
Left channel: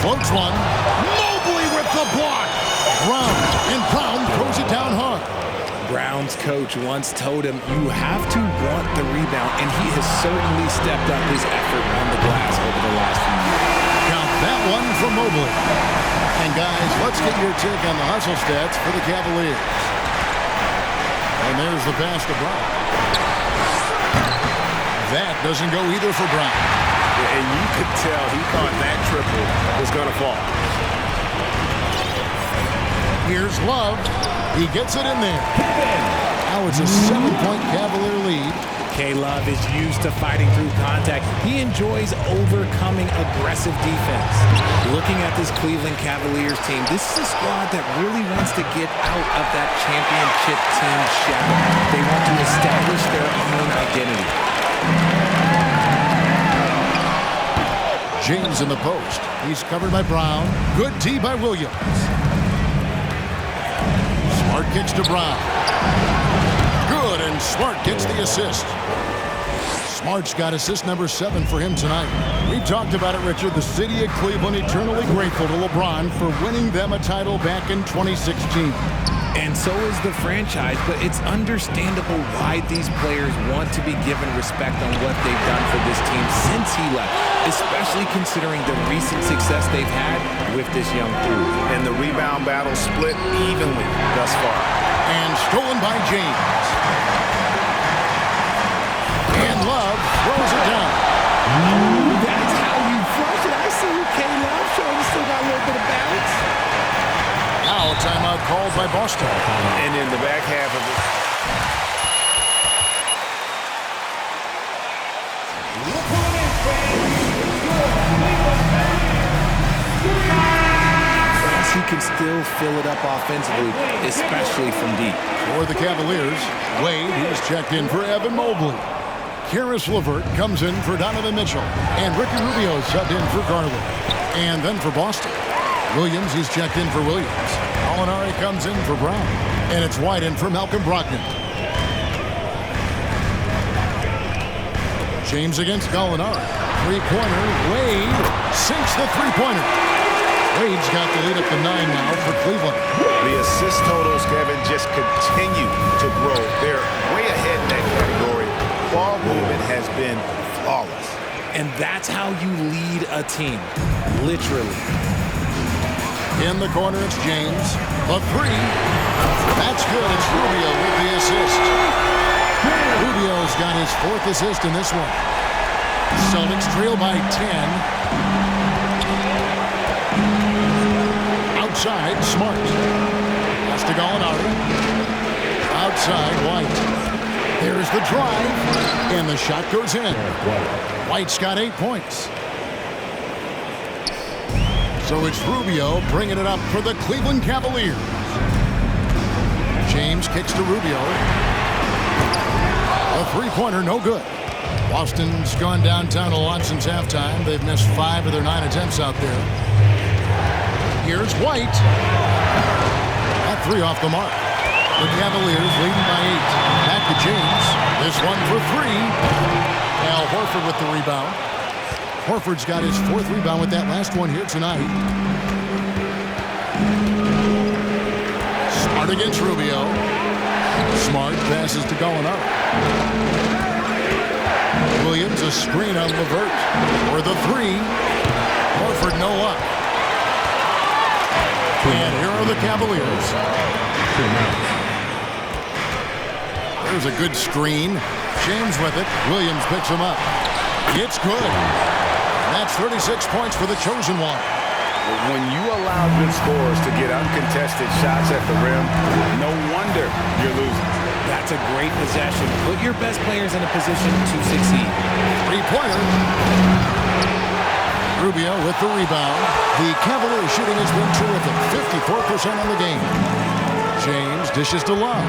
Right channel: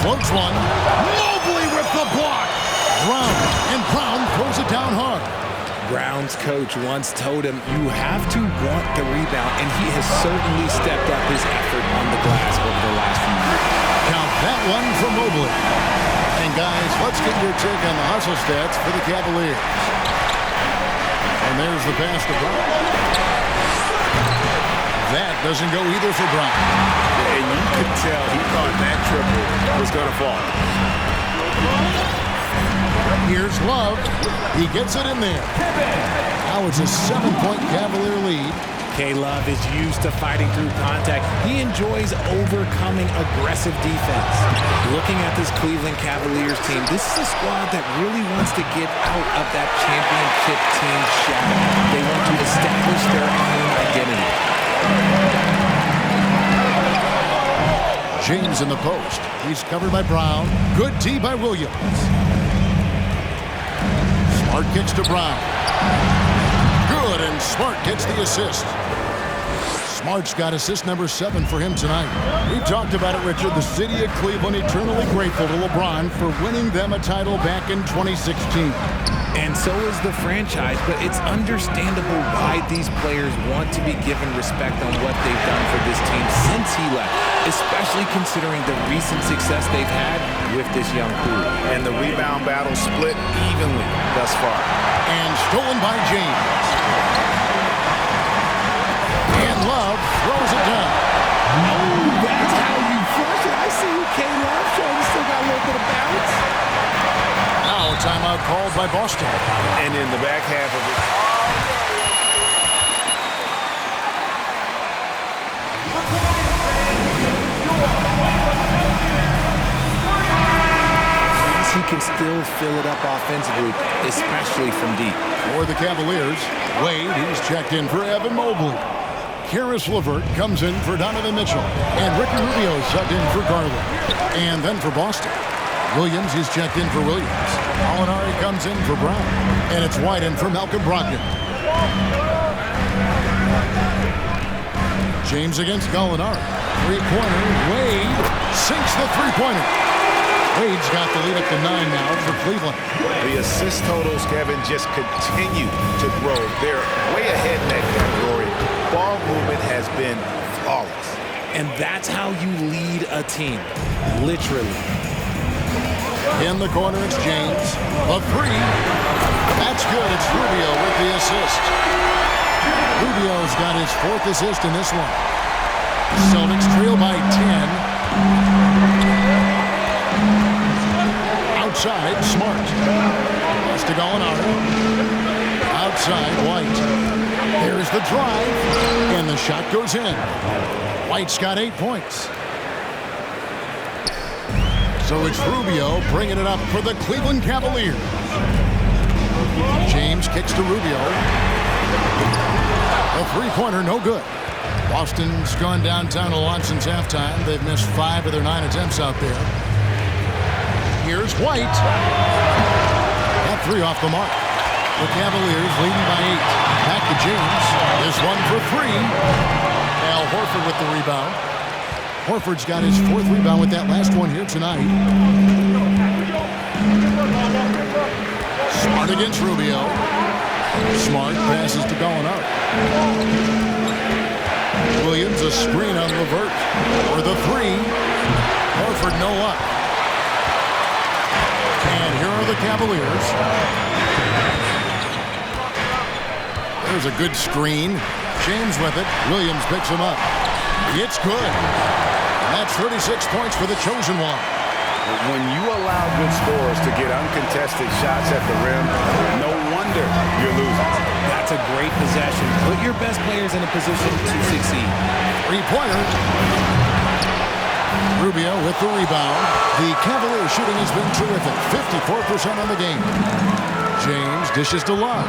Floats one. Mobley with the block. Brown. And Brown throws it down hard. Brown's coach once told him, you have to want the rebound, and he has certainly stepped up his effort on the glass over the last few years. Count that one from Mobley. And guys, let's get your take on the hustle stats for the Cavaliers. And there's the pass to Brown. That doesn't go either for Brown. And you could tell he thought that triple was going to fall. Here's Love. He gets it in there. Now it's a 7-point Cavalier lead. K-Love is used to fighting through contact. He enjoys overcoming aggressive defense. Looking at this Cleveland Cavaliers team, this is a squad that really wants to get out of that championship team shadow. They want to establish their own identity. James in the post. He's covered by Brown. Good D by Williams. Smart kicks to Brown. Good, and Smart gets the assist. Smart's got assist number 7 for him tonight. We've talked about it, Richard. The city of Cleveland eternally grateful to LeBron for winning them a title back in 2016. And so is the franchise, but it's understandable why these players want to be given respect on what they've done for this team since he left, especially considering the recent success they've had with this young crew. And the rebound battle split evenly thus far. And stolen by James. And Love throws it down. Oh, that's how you flush it. I see you, K-Love, showing you still got a little bit of bounce. Now a timeout called by Boston. And in the back half of it. He can still fill it up offensively, especially from deep. For the Cavaliers, Wade, he's checked in for Evan Mobley. Karis LeVert comes in for Donovan Mitchell. And Ricky Rubio subbed in for Garland. And then for Boston, Williams, he's checked in for Williams. Gallinari comes in for Brown. And it's White in for Malcolm Brogdon. James against Gallinari. Three-pointer. Wade sinks the three-pointer. Wade's got the lead up to 9 now for Cleveland. the assist totals, Kevin, just continue to grow. They're way ahead in that category. Ball movement has been flawless. And that's how you lead a team, literally. In the corner, it's James. A three. That's good. It's Rubio with the assist. Rubio's got his 4th assist in this one. Celtics trail by 10. Outside, Smart. Pass to Gallinari. Outside, White. There's the drive, and the shot goes in. White's got 8 points. So it's Rubio bringing it up for the Cleveland Cavaliers. James kicks to Rubio. A three-pointer, no good. Boston's gone downtown a lot since halftime. They've missed 5 of their 9 attempts out there. Here's White. That 3 off the mark. The Cavaliers leading by 8. Back to James. This one for 3. Al Horford with the rebound. Horford's got his 4th rebound with that last one here tonight. Smart against Rubio. Smart passes to Gallinari. Williams a screen on LeVert for the 3. Horford no luck. And here are the Cavaliers. There's a good screen. James with it. Williams picks him up. It's good. And that's 36 points for the chosen one. When you allow good scorers to get uncontested shots at the rim, no wonder you're losing. That's a great possession. Put your best players in a position to succeed. Three-pointer. Rubio with the rebound. The Cavaliers shooting has been terrific. 54% on the game. James dishes to Love.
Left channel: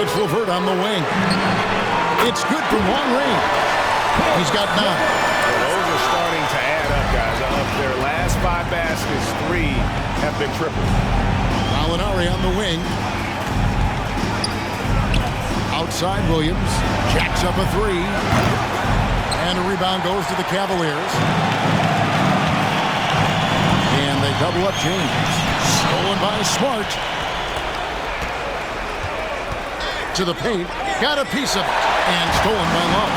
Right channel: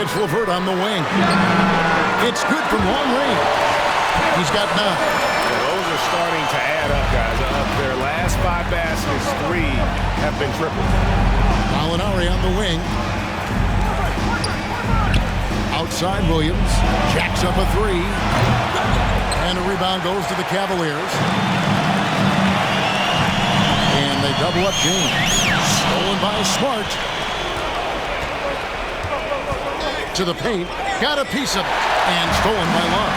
It's LeVert on the wing. It's good from long range. He's got 9. Well, those are starting to add up, guys. Of their last 5 baskets, 3 have been tripled. Gallinari on the wing. Outside Williams. Jacks up a 3. And a rebound goes to the Cavaliers. And they double up James. Stolen by Smart. To the paint. Got a piece of it. And stolen by Love.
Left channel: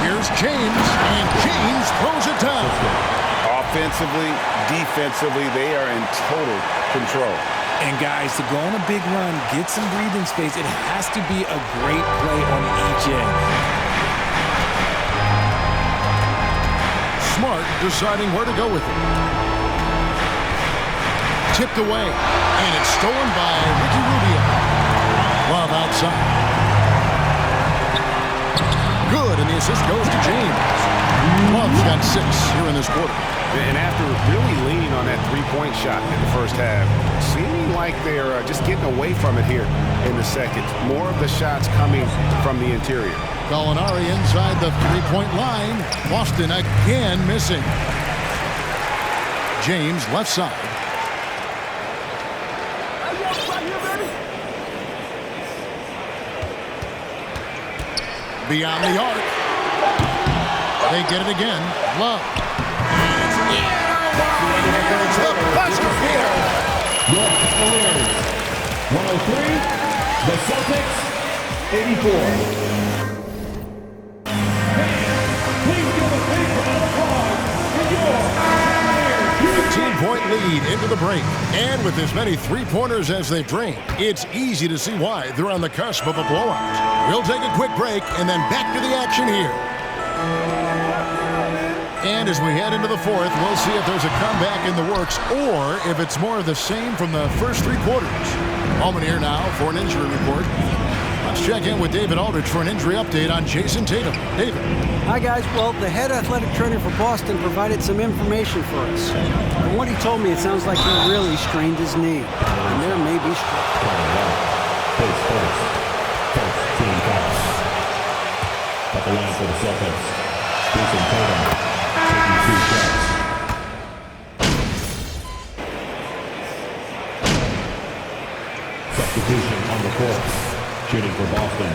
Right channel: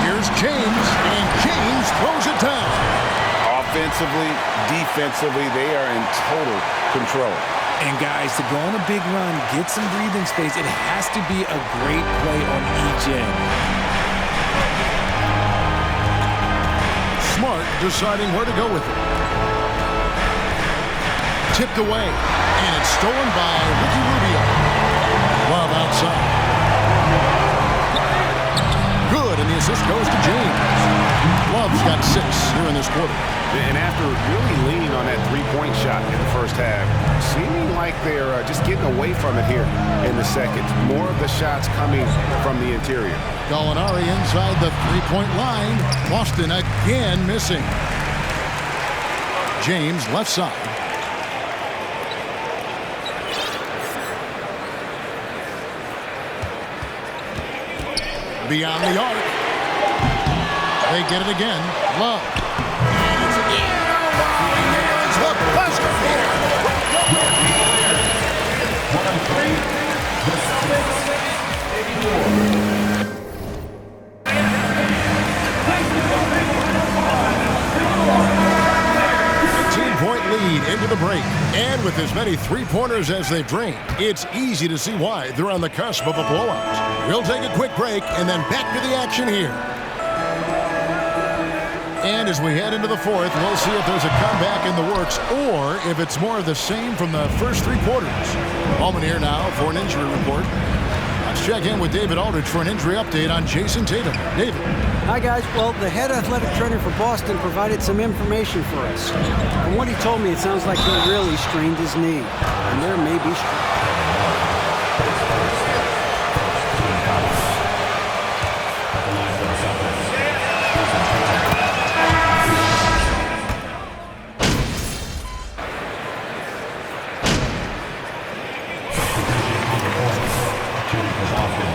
Here's James. And James throws it down. Offensively, defensively, they are in total control. And guys, to go on a big run, get some breathing space, it has to be a great play on each end. Smart deciding where to go with it. Tipped away, and it's stolen by Ricky Rubio. Love outside. Good, and the assist goes to James. Love's got 6 here in this quarter. And after really leaning on that three-point shot in the first half, seeming like they're just getting away from it here in the second. More of the shots coming from the interior. Gallinari inside the three-point line. Boston again missing. James left side. Beyond the arc. They get it again. Love. And it's in. There's the buzzer beater. 103. The Celtics, 84. Please give a big round of applause to your 15-point lead into the break. And with as many three-pointers as they've drained, it's easy to see why they're on the cusp of a blowout. We'll take a quick break and then back to the action here. And as we head into the fourth, we'll see if there's a comeback in the works or if it's more of the same from the first 3 quarters. Moment here now for an injury report. Let's check in with David Aldridge for an injury update on Jason Tatum. David. Hi, guys. Well, the head athletic trainer for Boston provided some information for us. From what he told me, it sounds like he really strained his knee, and there may be At the line for the Celtics, Jason Tatum. Substitution on the court. Shooting for Boston.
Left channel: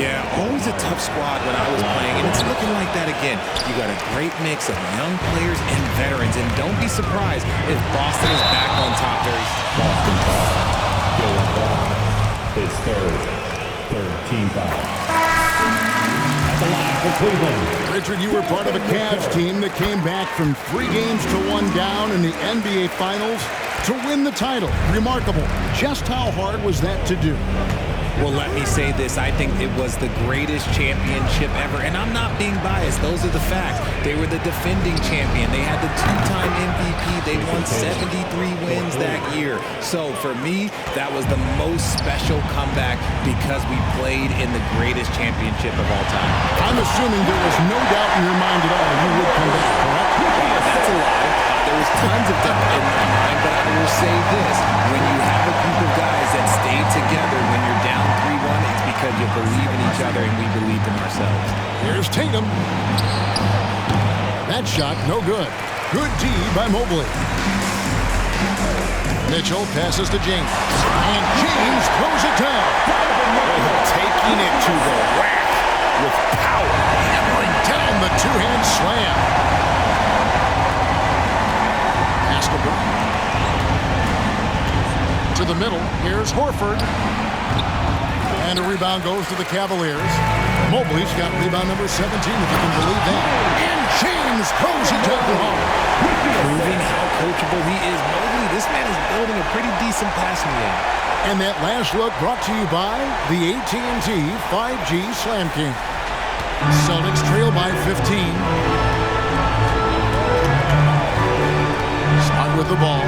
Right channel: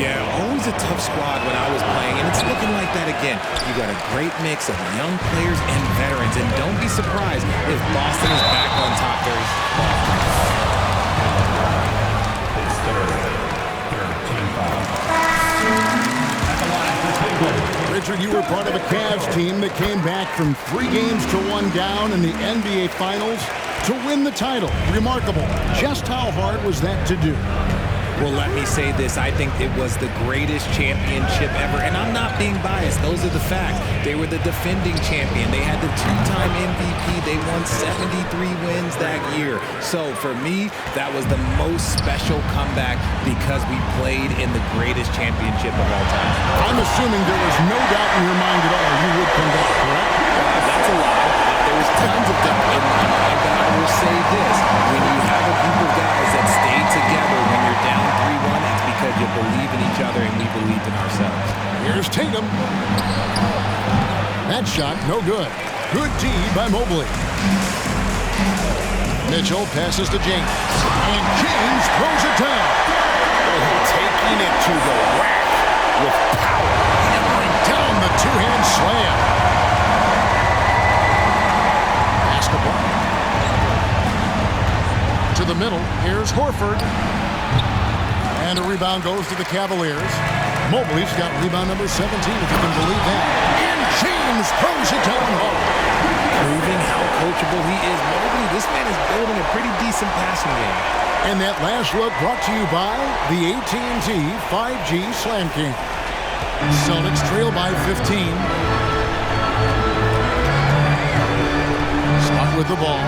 Yeah, always a tough squad when I was playing, and it's looking like that again. You got a great mix of young players and veterans, and don't be surprised if Boston is back on top very soon. Boston foul. Jaylen Brown. His third team foul. At the line for Cleveland. Richard, you were part of a Cavs team that came back from 3 games to 1 down in the NBA Finals to win the title. Remarkable. Just how hard was that to do? Well, let me say this. I think it was the greatest championship ever. And I'm not being biased. Those are the facts. They were the defending champion. They had the 2-time MVP. They won 73 wins that year. So for me, that was the most special comeback because we played in the greatest championship of all time. I'm assuming there was no doubt in your mind at all you would come back, correct? That's a lie. There was tons of doubt in my mind, but I will say this. When you have a group of guys that stay together when you're down 3-1, it's because you believe in each other and we believed in ourselves. Here's Tatum. That shot, no good. Good D by Mobley. Mitchell passes to James. And James throws it down. Taking it to the rack with power. Hammering down the 2-hand slam. Pass to Brown. To the middle. Here's Horford. And a rebound goes to the Cavaliers. Mobley's got rebound number 17, if you can believe that. And James throws it down hard. Proving how coachable he is. Mobley, this man is building a pretty decent passing game. And that last look brought to you by the AT&T 5G Slam King. Celtics trail by 15. with the ball.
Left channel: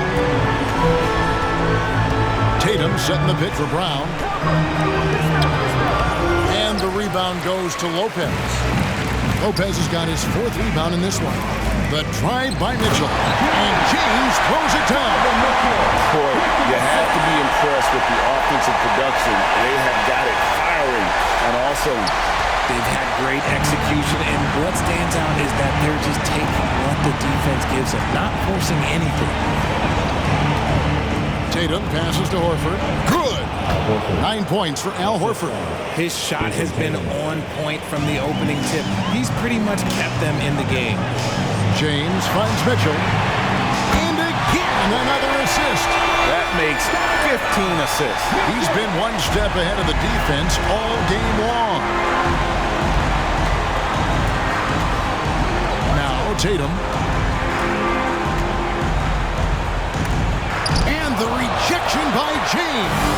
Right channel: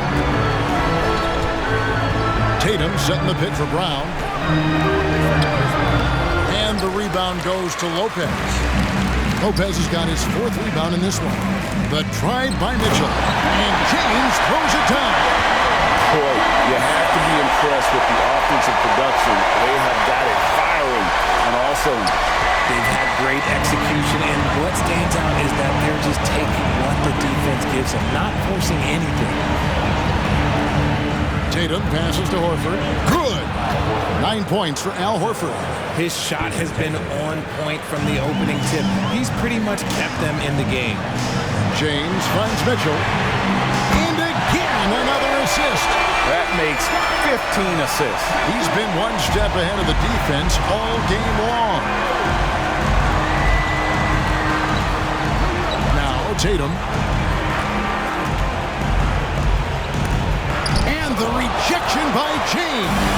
Tatum setting the pick for Brown. And the rebound goes to Lopez. Lopez has got his 4th rebound in this one. The drive by Mitchell. And James throws it down. Boy, you have to be impressed with the offensive production. They have got it firing on all cylinders. They've had great execution, and what stands out is that they're just taking what the defense gives them, not forcing anything. Tatum passes to Horford. Good! 9 points for Al Horford. His shot has been on point from the opening tip. He's pretty much kept them in the game. James finds Mitchell. And again, another assist. That makes 15 assists. He's been one step ahead of the defense all game long. Now Tatum. And the rejection by James.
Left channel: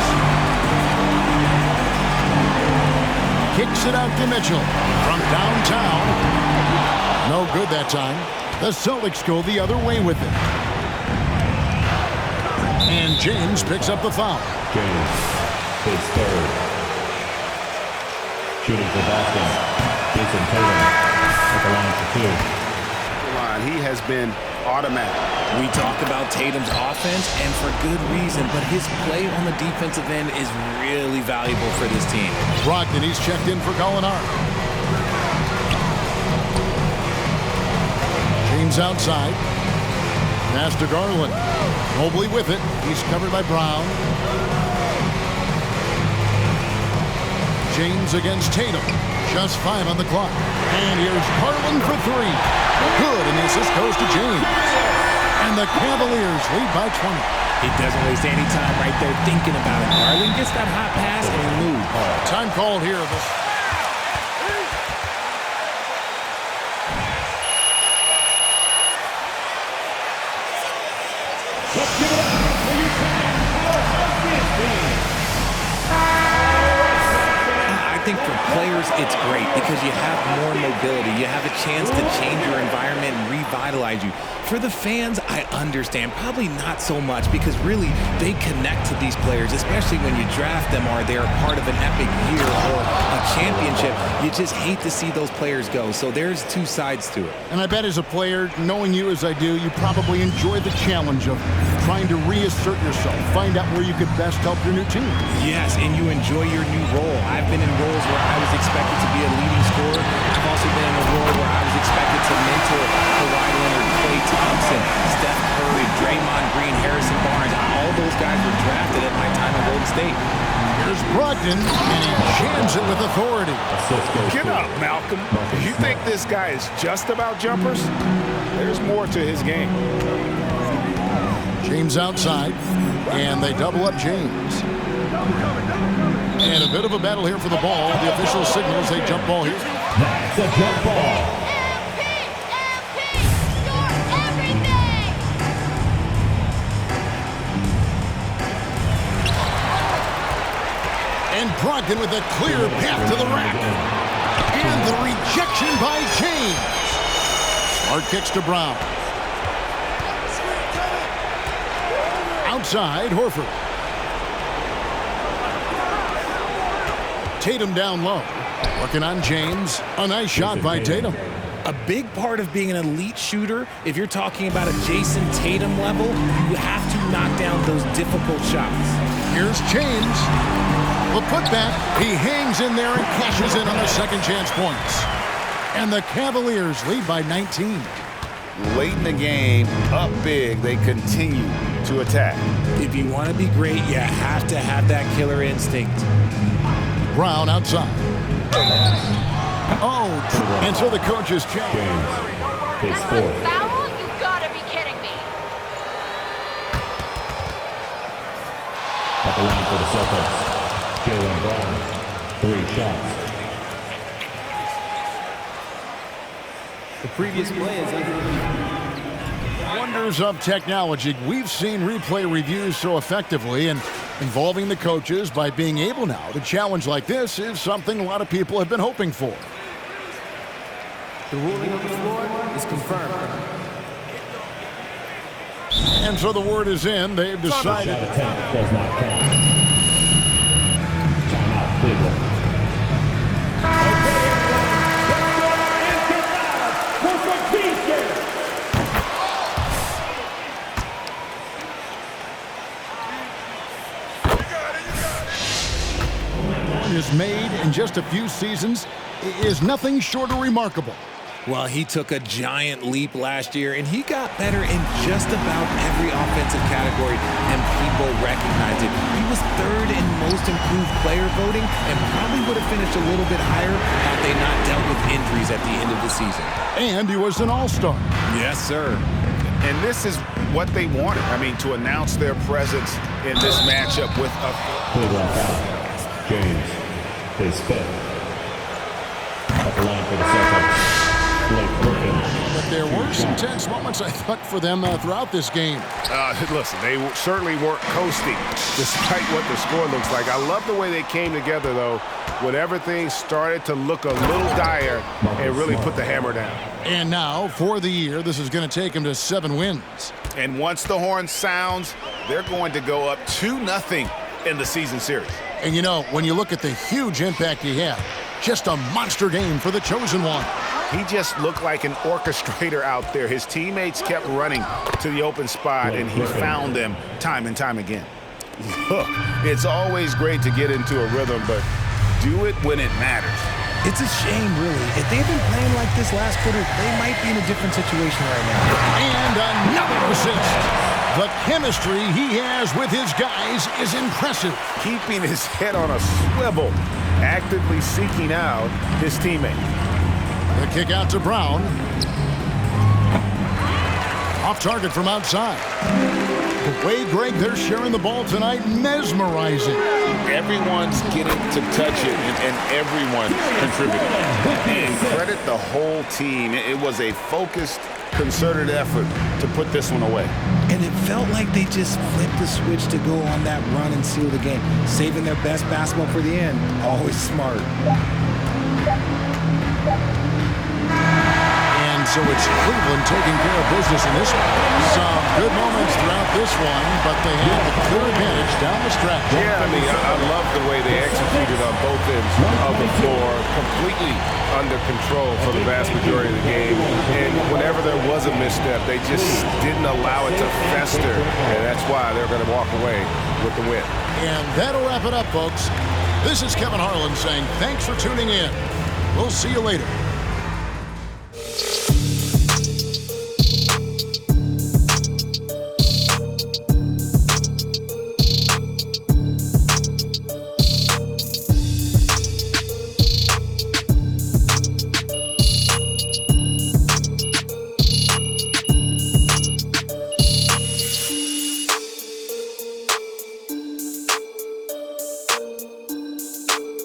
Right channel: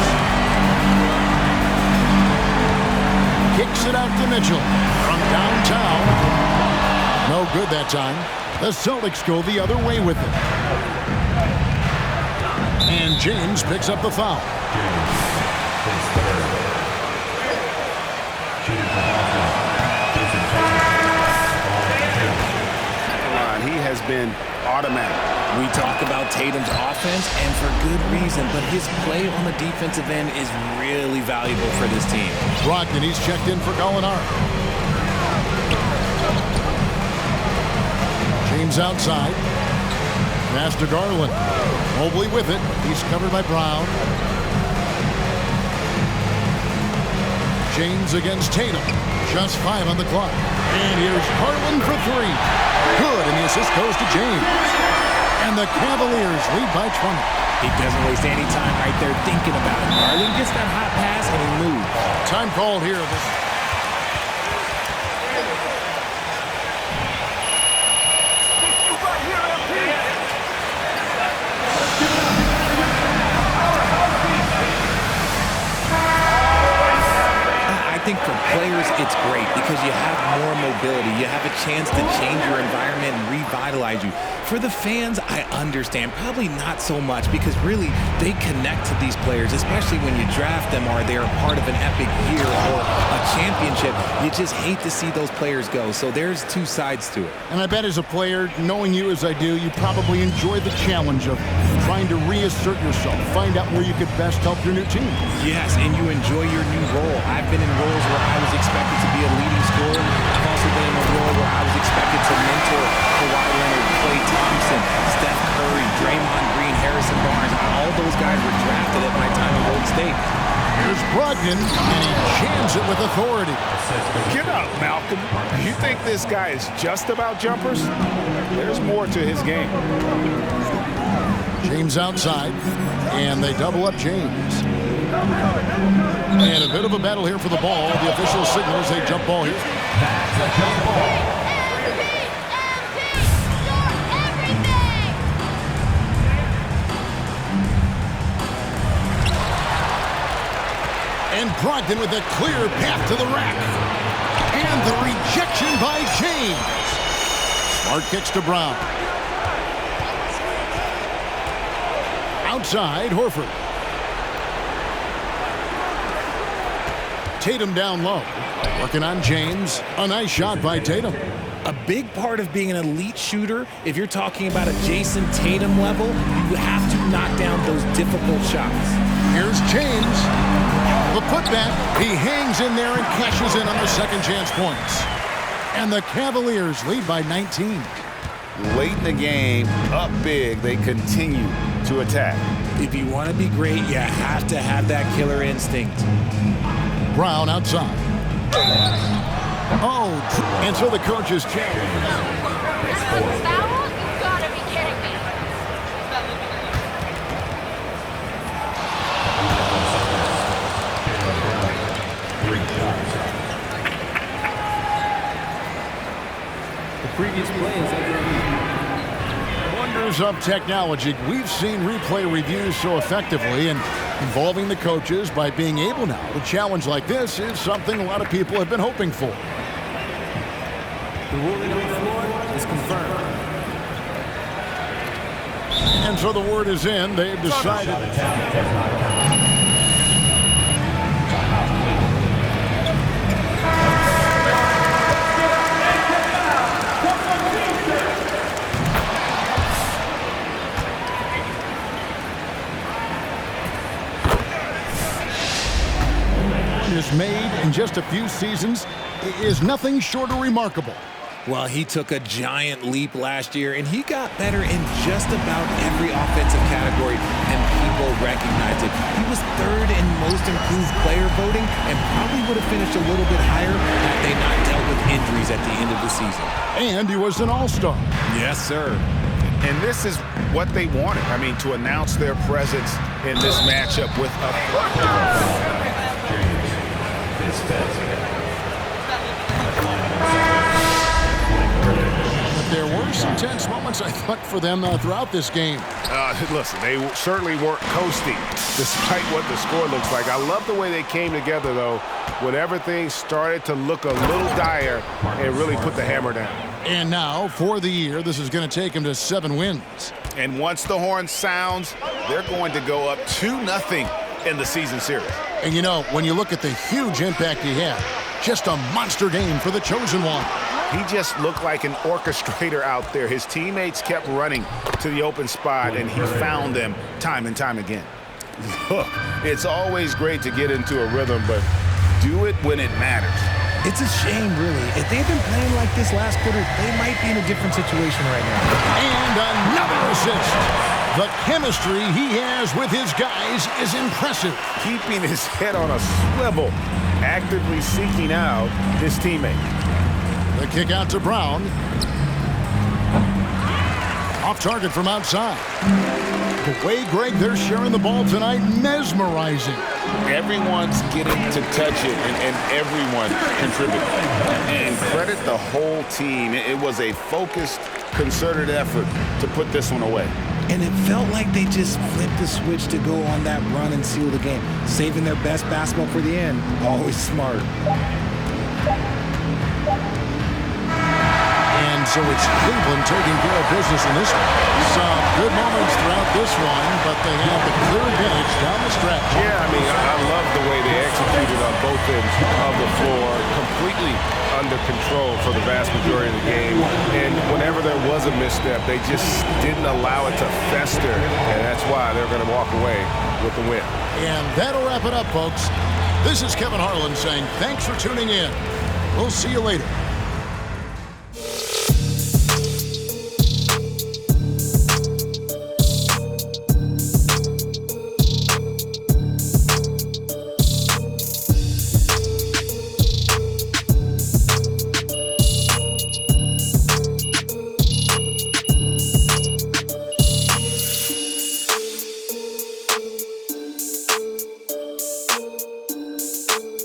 Kicks it out to Mitchell from downtown. No good that time. The Celtics go the other way with it. And James picks up the foul. James, his 3rd. Shooting for Boston, Jason Tatum at the line for 2. He has been automatic. We talk about Tatum's offense, and for good reason, but his play on the defensive end is really valuable for this team. Brogdon, he's checked in for Gallinari. James outside. Pass to Garland. Mobley with it. He's covered by Brown. James against Tatum. Just 5 on the clock. And here's Garland for 3. Good, and the assist goes to James. And the Cavaliers lead by 20. He doesn't waste any time right there thinking about it. Garland gets that hot pass, and he moves. Time called here. I think for players, it's great because you have more mobility. You have a chance to change your environment and revitalize you. For the fans, I understand. Probably not so much because really they connect to these players, especially when you draft them or they're part of an epic year or a championship. You just hate to see those players go. So there's 2 sides to it. And I bet as a player, knowing you as I do, you probably enjoy the challenge of trying to reassert yourself, find out where you could best help your new team. Yes, and you enjoy your new role. I've been in roles where I was expected to be a leading scorer. I've also been in a role where I was expected to mentor Kawhi Leonard, Klay Thompson, Steph Curry, Draymond Green, Harrison Barnes. All those guys were drafted at my time in Golden State. Here's Brogdon, and he jams it with authority. Get up, Malcolm. You think this guy is just about jumpers? There's more to his game. James outside, and they double up James. And a bit of a battle here for the ball. The official signals a jump ball here. That's a jump ball. And Brogdon with a clear path to the rack. And the rejection by James. Smart kicks to Brown. Outside, Horford. Tatum down low. Working on James. A nice shot by Tatum. A big part of being an elite shooter, if you're talking about a Jason Tatum level, you have to knock down those difficult shots. Here's James. The putback. He hangs in there and cashes in on the second chance points. And the Cavaliers lead by 19. Late in the game, up big, they continue to attack. If you want to be great, you have to have that killer instinct. Brown outside. Oh, and so the coach is challenged. Foul? You gotta be kidding me. At the line for the Celtics, Jaylen Brown, 3 shots. The previous play is under review. Wonders of technology. We've seen replay reviews so effectively, and involving the coaches by being able now to challenge like this is something a lot of people have been hoping for. The ruling on the floor is confirmed. And so the word is in. They've decided. Shot attempt does not count. Timeout, Cleveland. And get back for some defense. Is made in just a few seasons is nothing short of remarkable. Well, he took a giant leap last year, and he got better in just about every offensive category, and people recognized it. He was third in most improved player voting and probably would have finished a little bit higher had they not dealt with injuries at the end of the season. And he was an all-star. Yes, sir. And this is what they wanted. I mean, to announce their presence in this matchup with a... Cleveland foul. James is spent. At the line for the Celtics, Blake Griffin. But there were some tense moments, I thought, for them throughout this game. Listen, they certainly weren't coasting, despite what the score looks like. I love the way they came together, though, when everything started to look a little dire and really put the hammer down. And now, for the year, this is going to take them to 7 wins. And once the horn sounds, they're going to go up 2-0 in the season series. And you know, when you look at the huge impact he had, just a monster game for the Chosen One. He just looked like an orchestrator out there. His teammates kept running to the open spot, and he found them time and time again. Look, it's always great to get into a rhythm, but do it when it matters. It's a shame, really. If they'd been playing like this last quarter, they might be in a different situation right now. And another assist. The chemistry he has with his guys is impressive. Keeping his head on a swivel, actively seeking out his teammate. The kick out to Brown. Off target from outside. The way, Greg, they're sharing the ball tonight, mesmerizing. Everyone's getting to touch it, and everyone contributing. And credit the whole team. It was a focused, concerted effort to put this one away. And it felt like they just flipped the switch to go on that run and seal the game, saving their best basketball for the end. Always smart. And so it's Cleveland taking care of business in this one. Some good moments throughout this one, but they had the clear advantage down the stretch. Yeah, I mean, I love the way they executed on both ends of the floor, completely under control for the vast majority of the game. And whenever there was a misstep, they just didn't allow it to fester, and that's why they're going to walk away with the win. And that'll wrap it up, folks. This is Kevin Harlan saying thanks for tuning in. We'll see you later.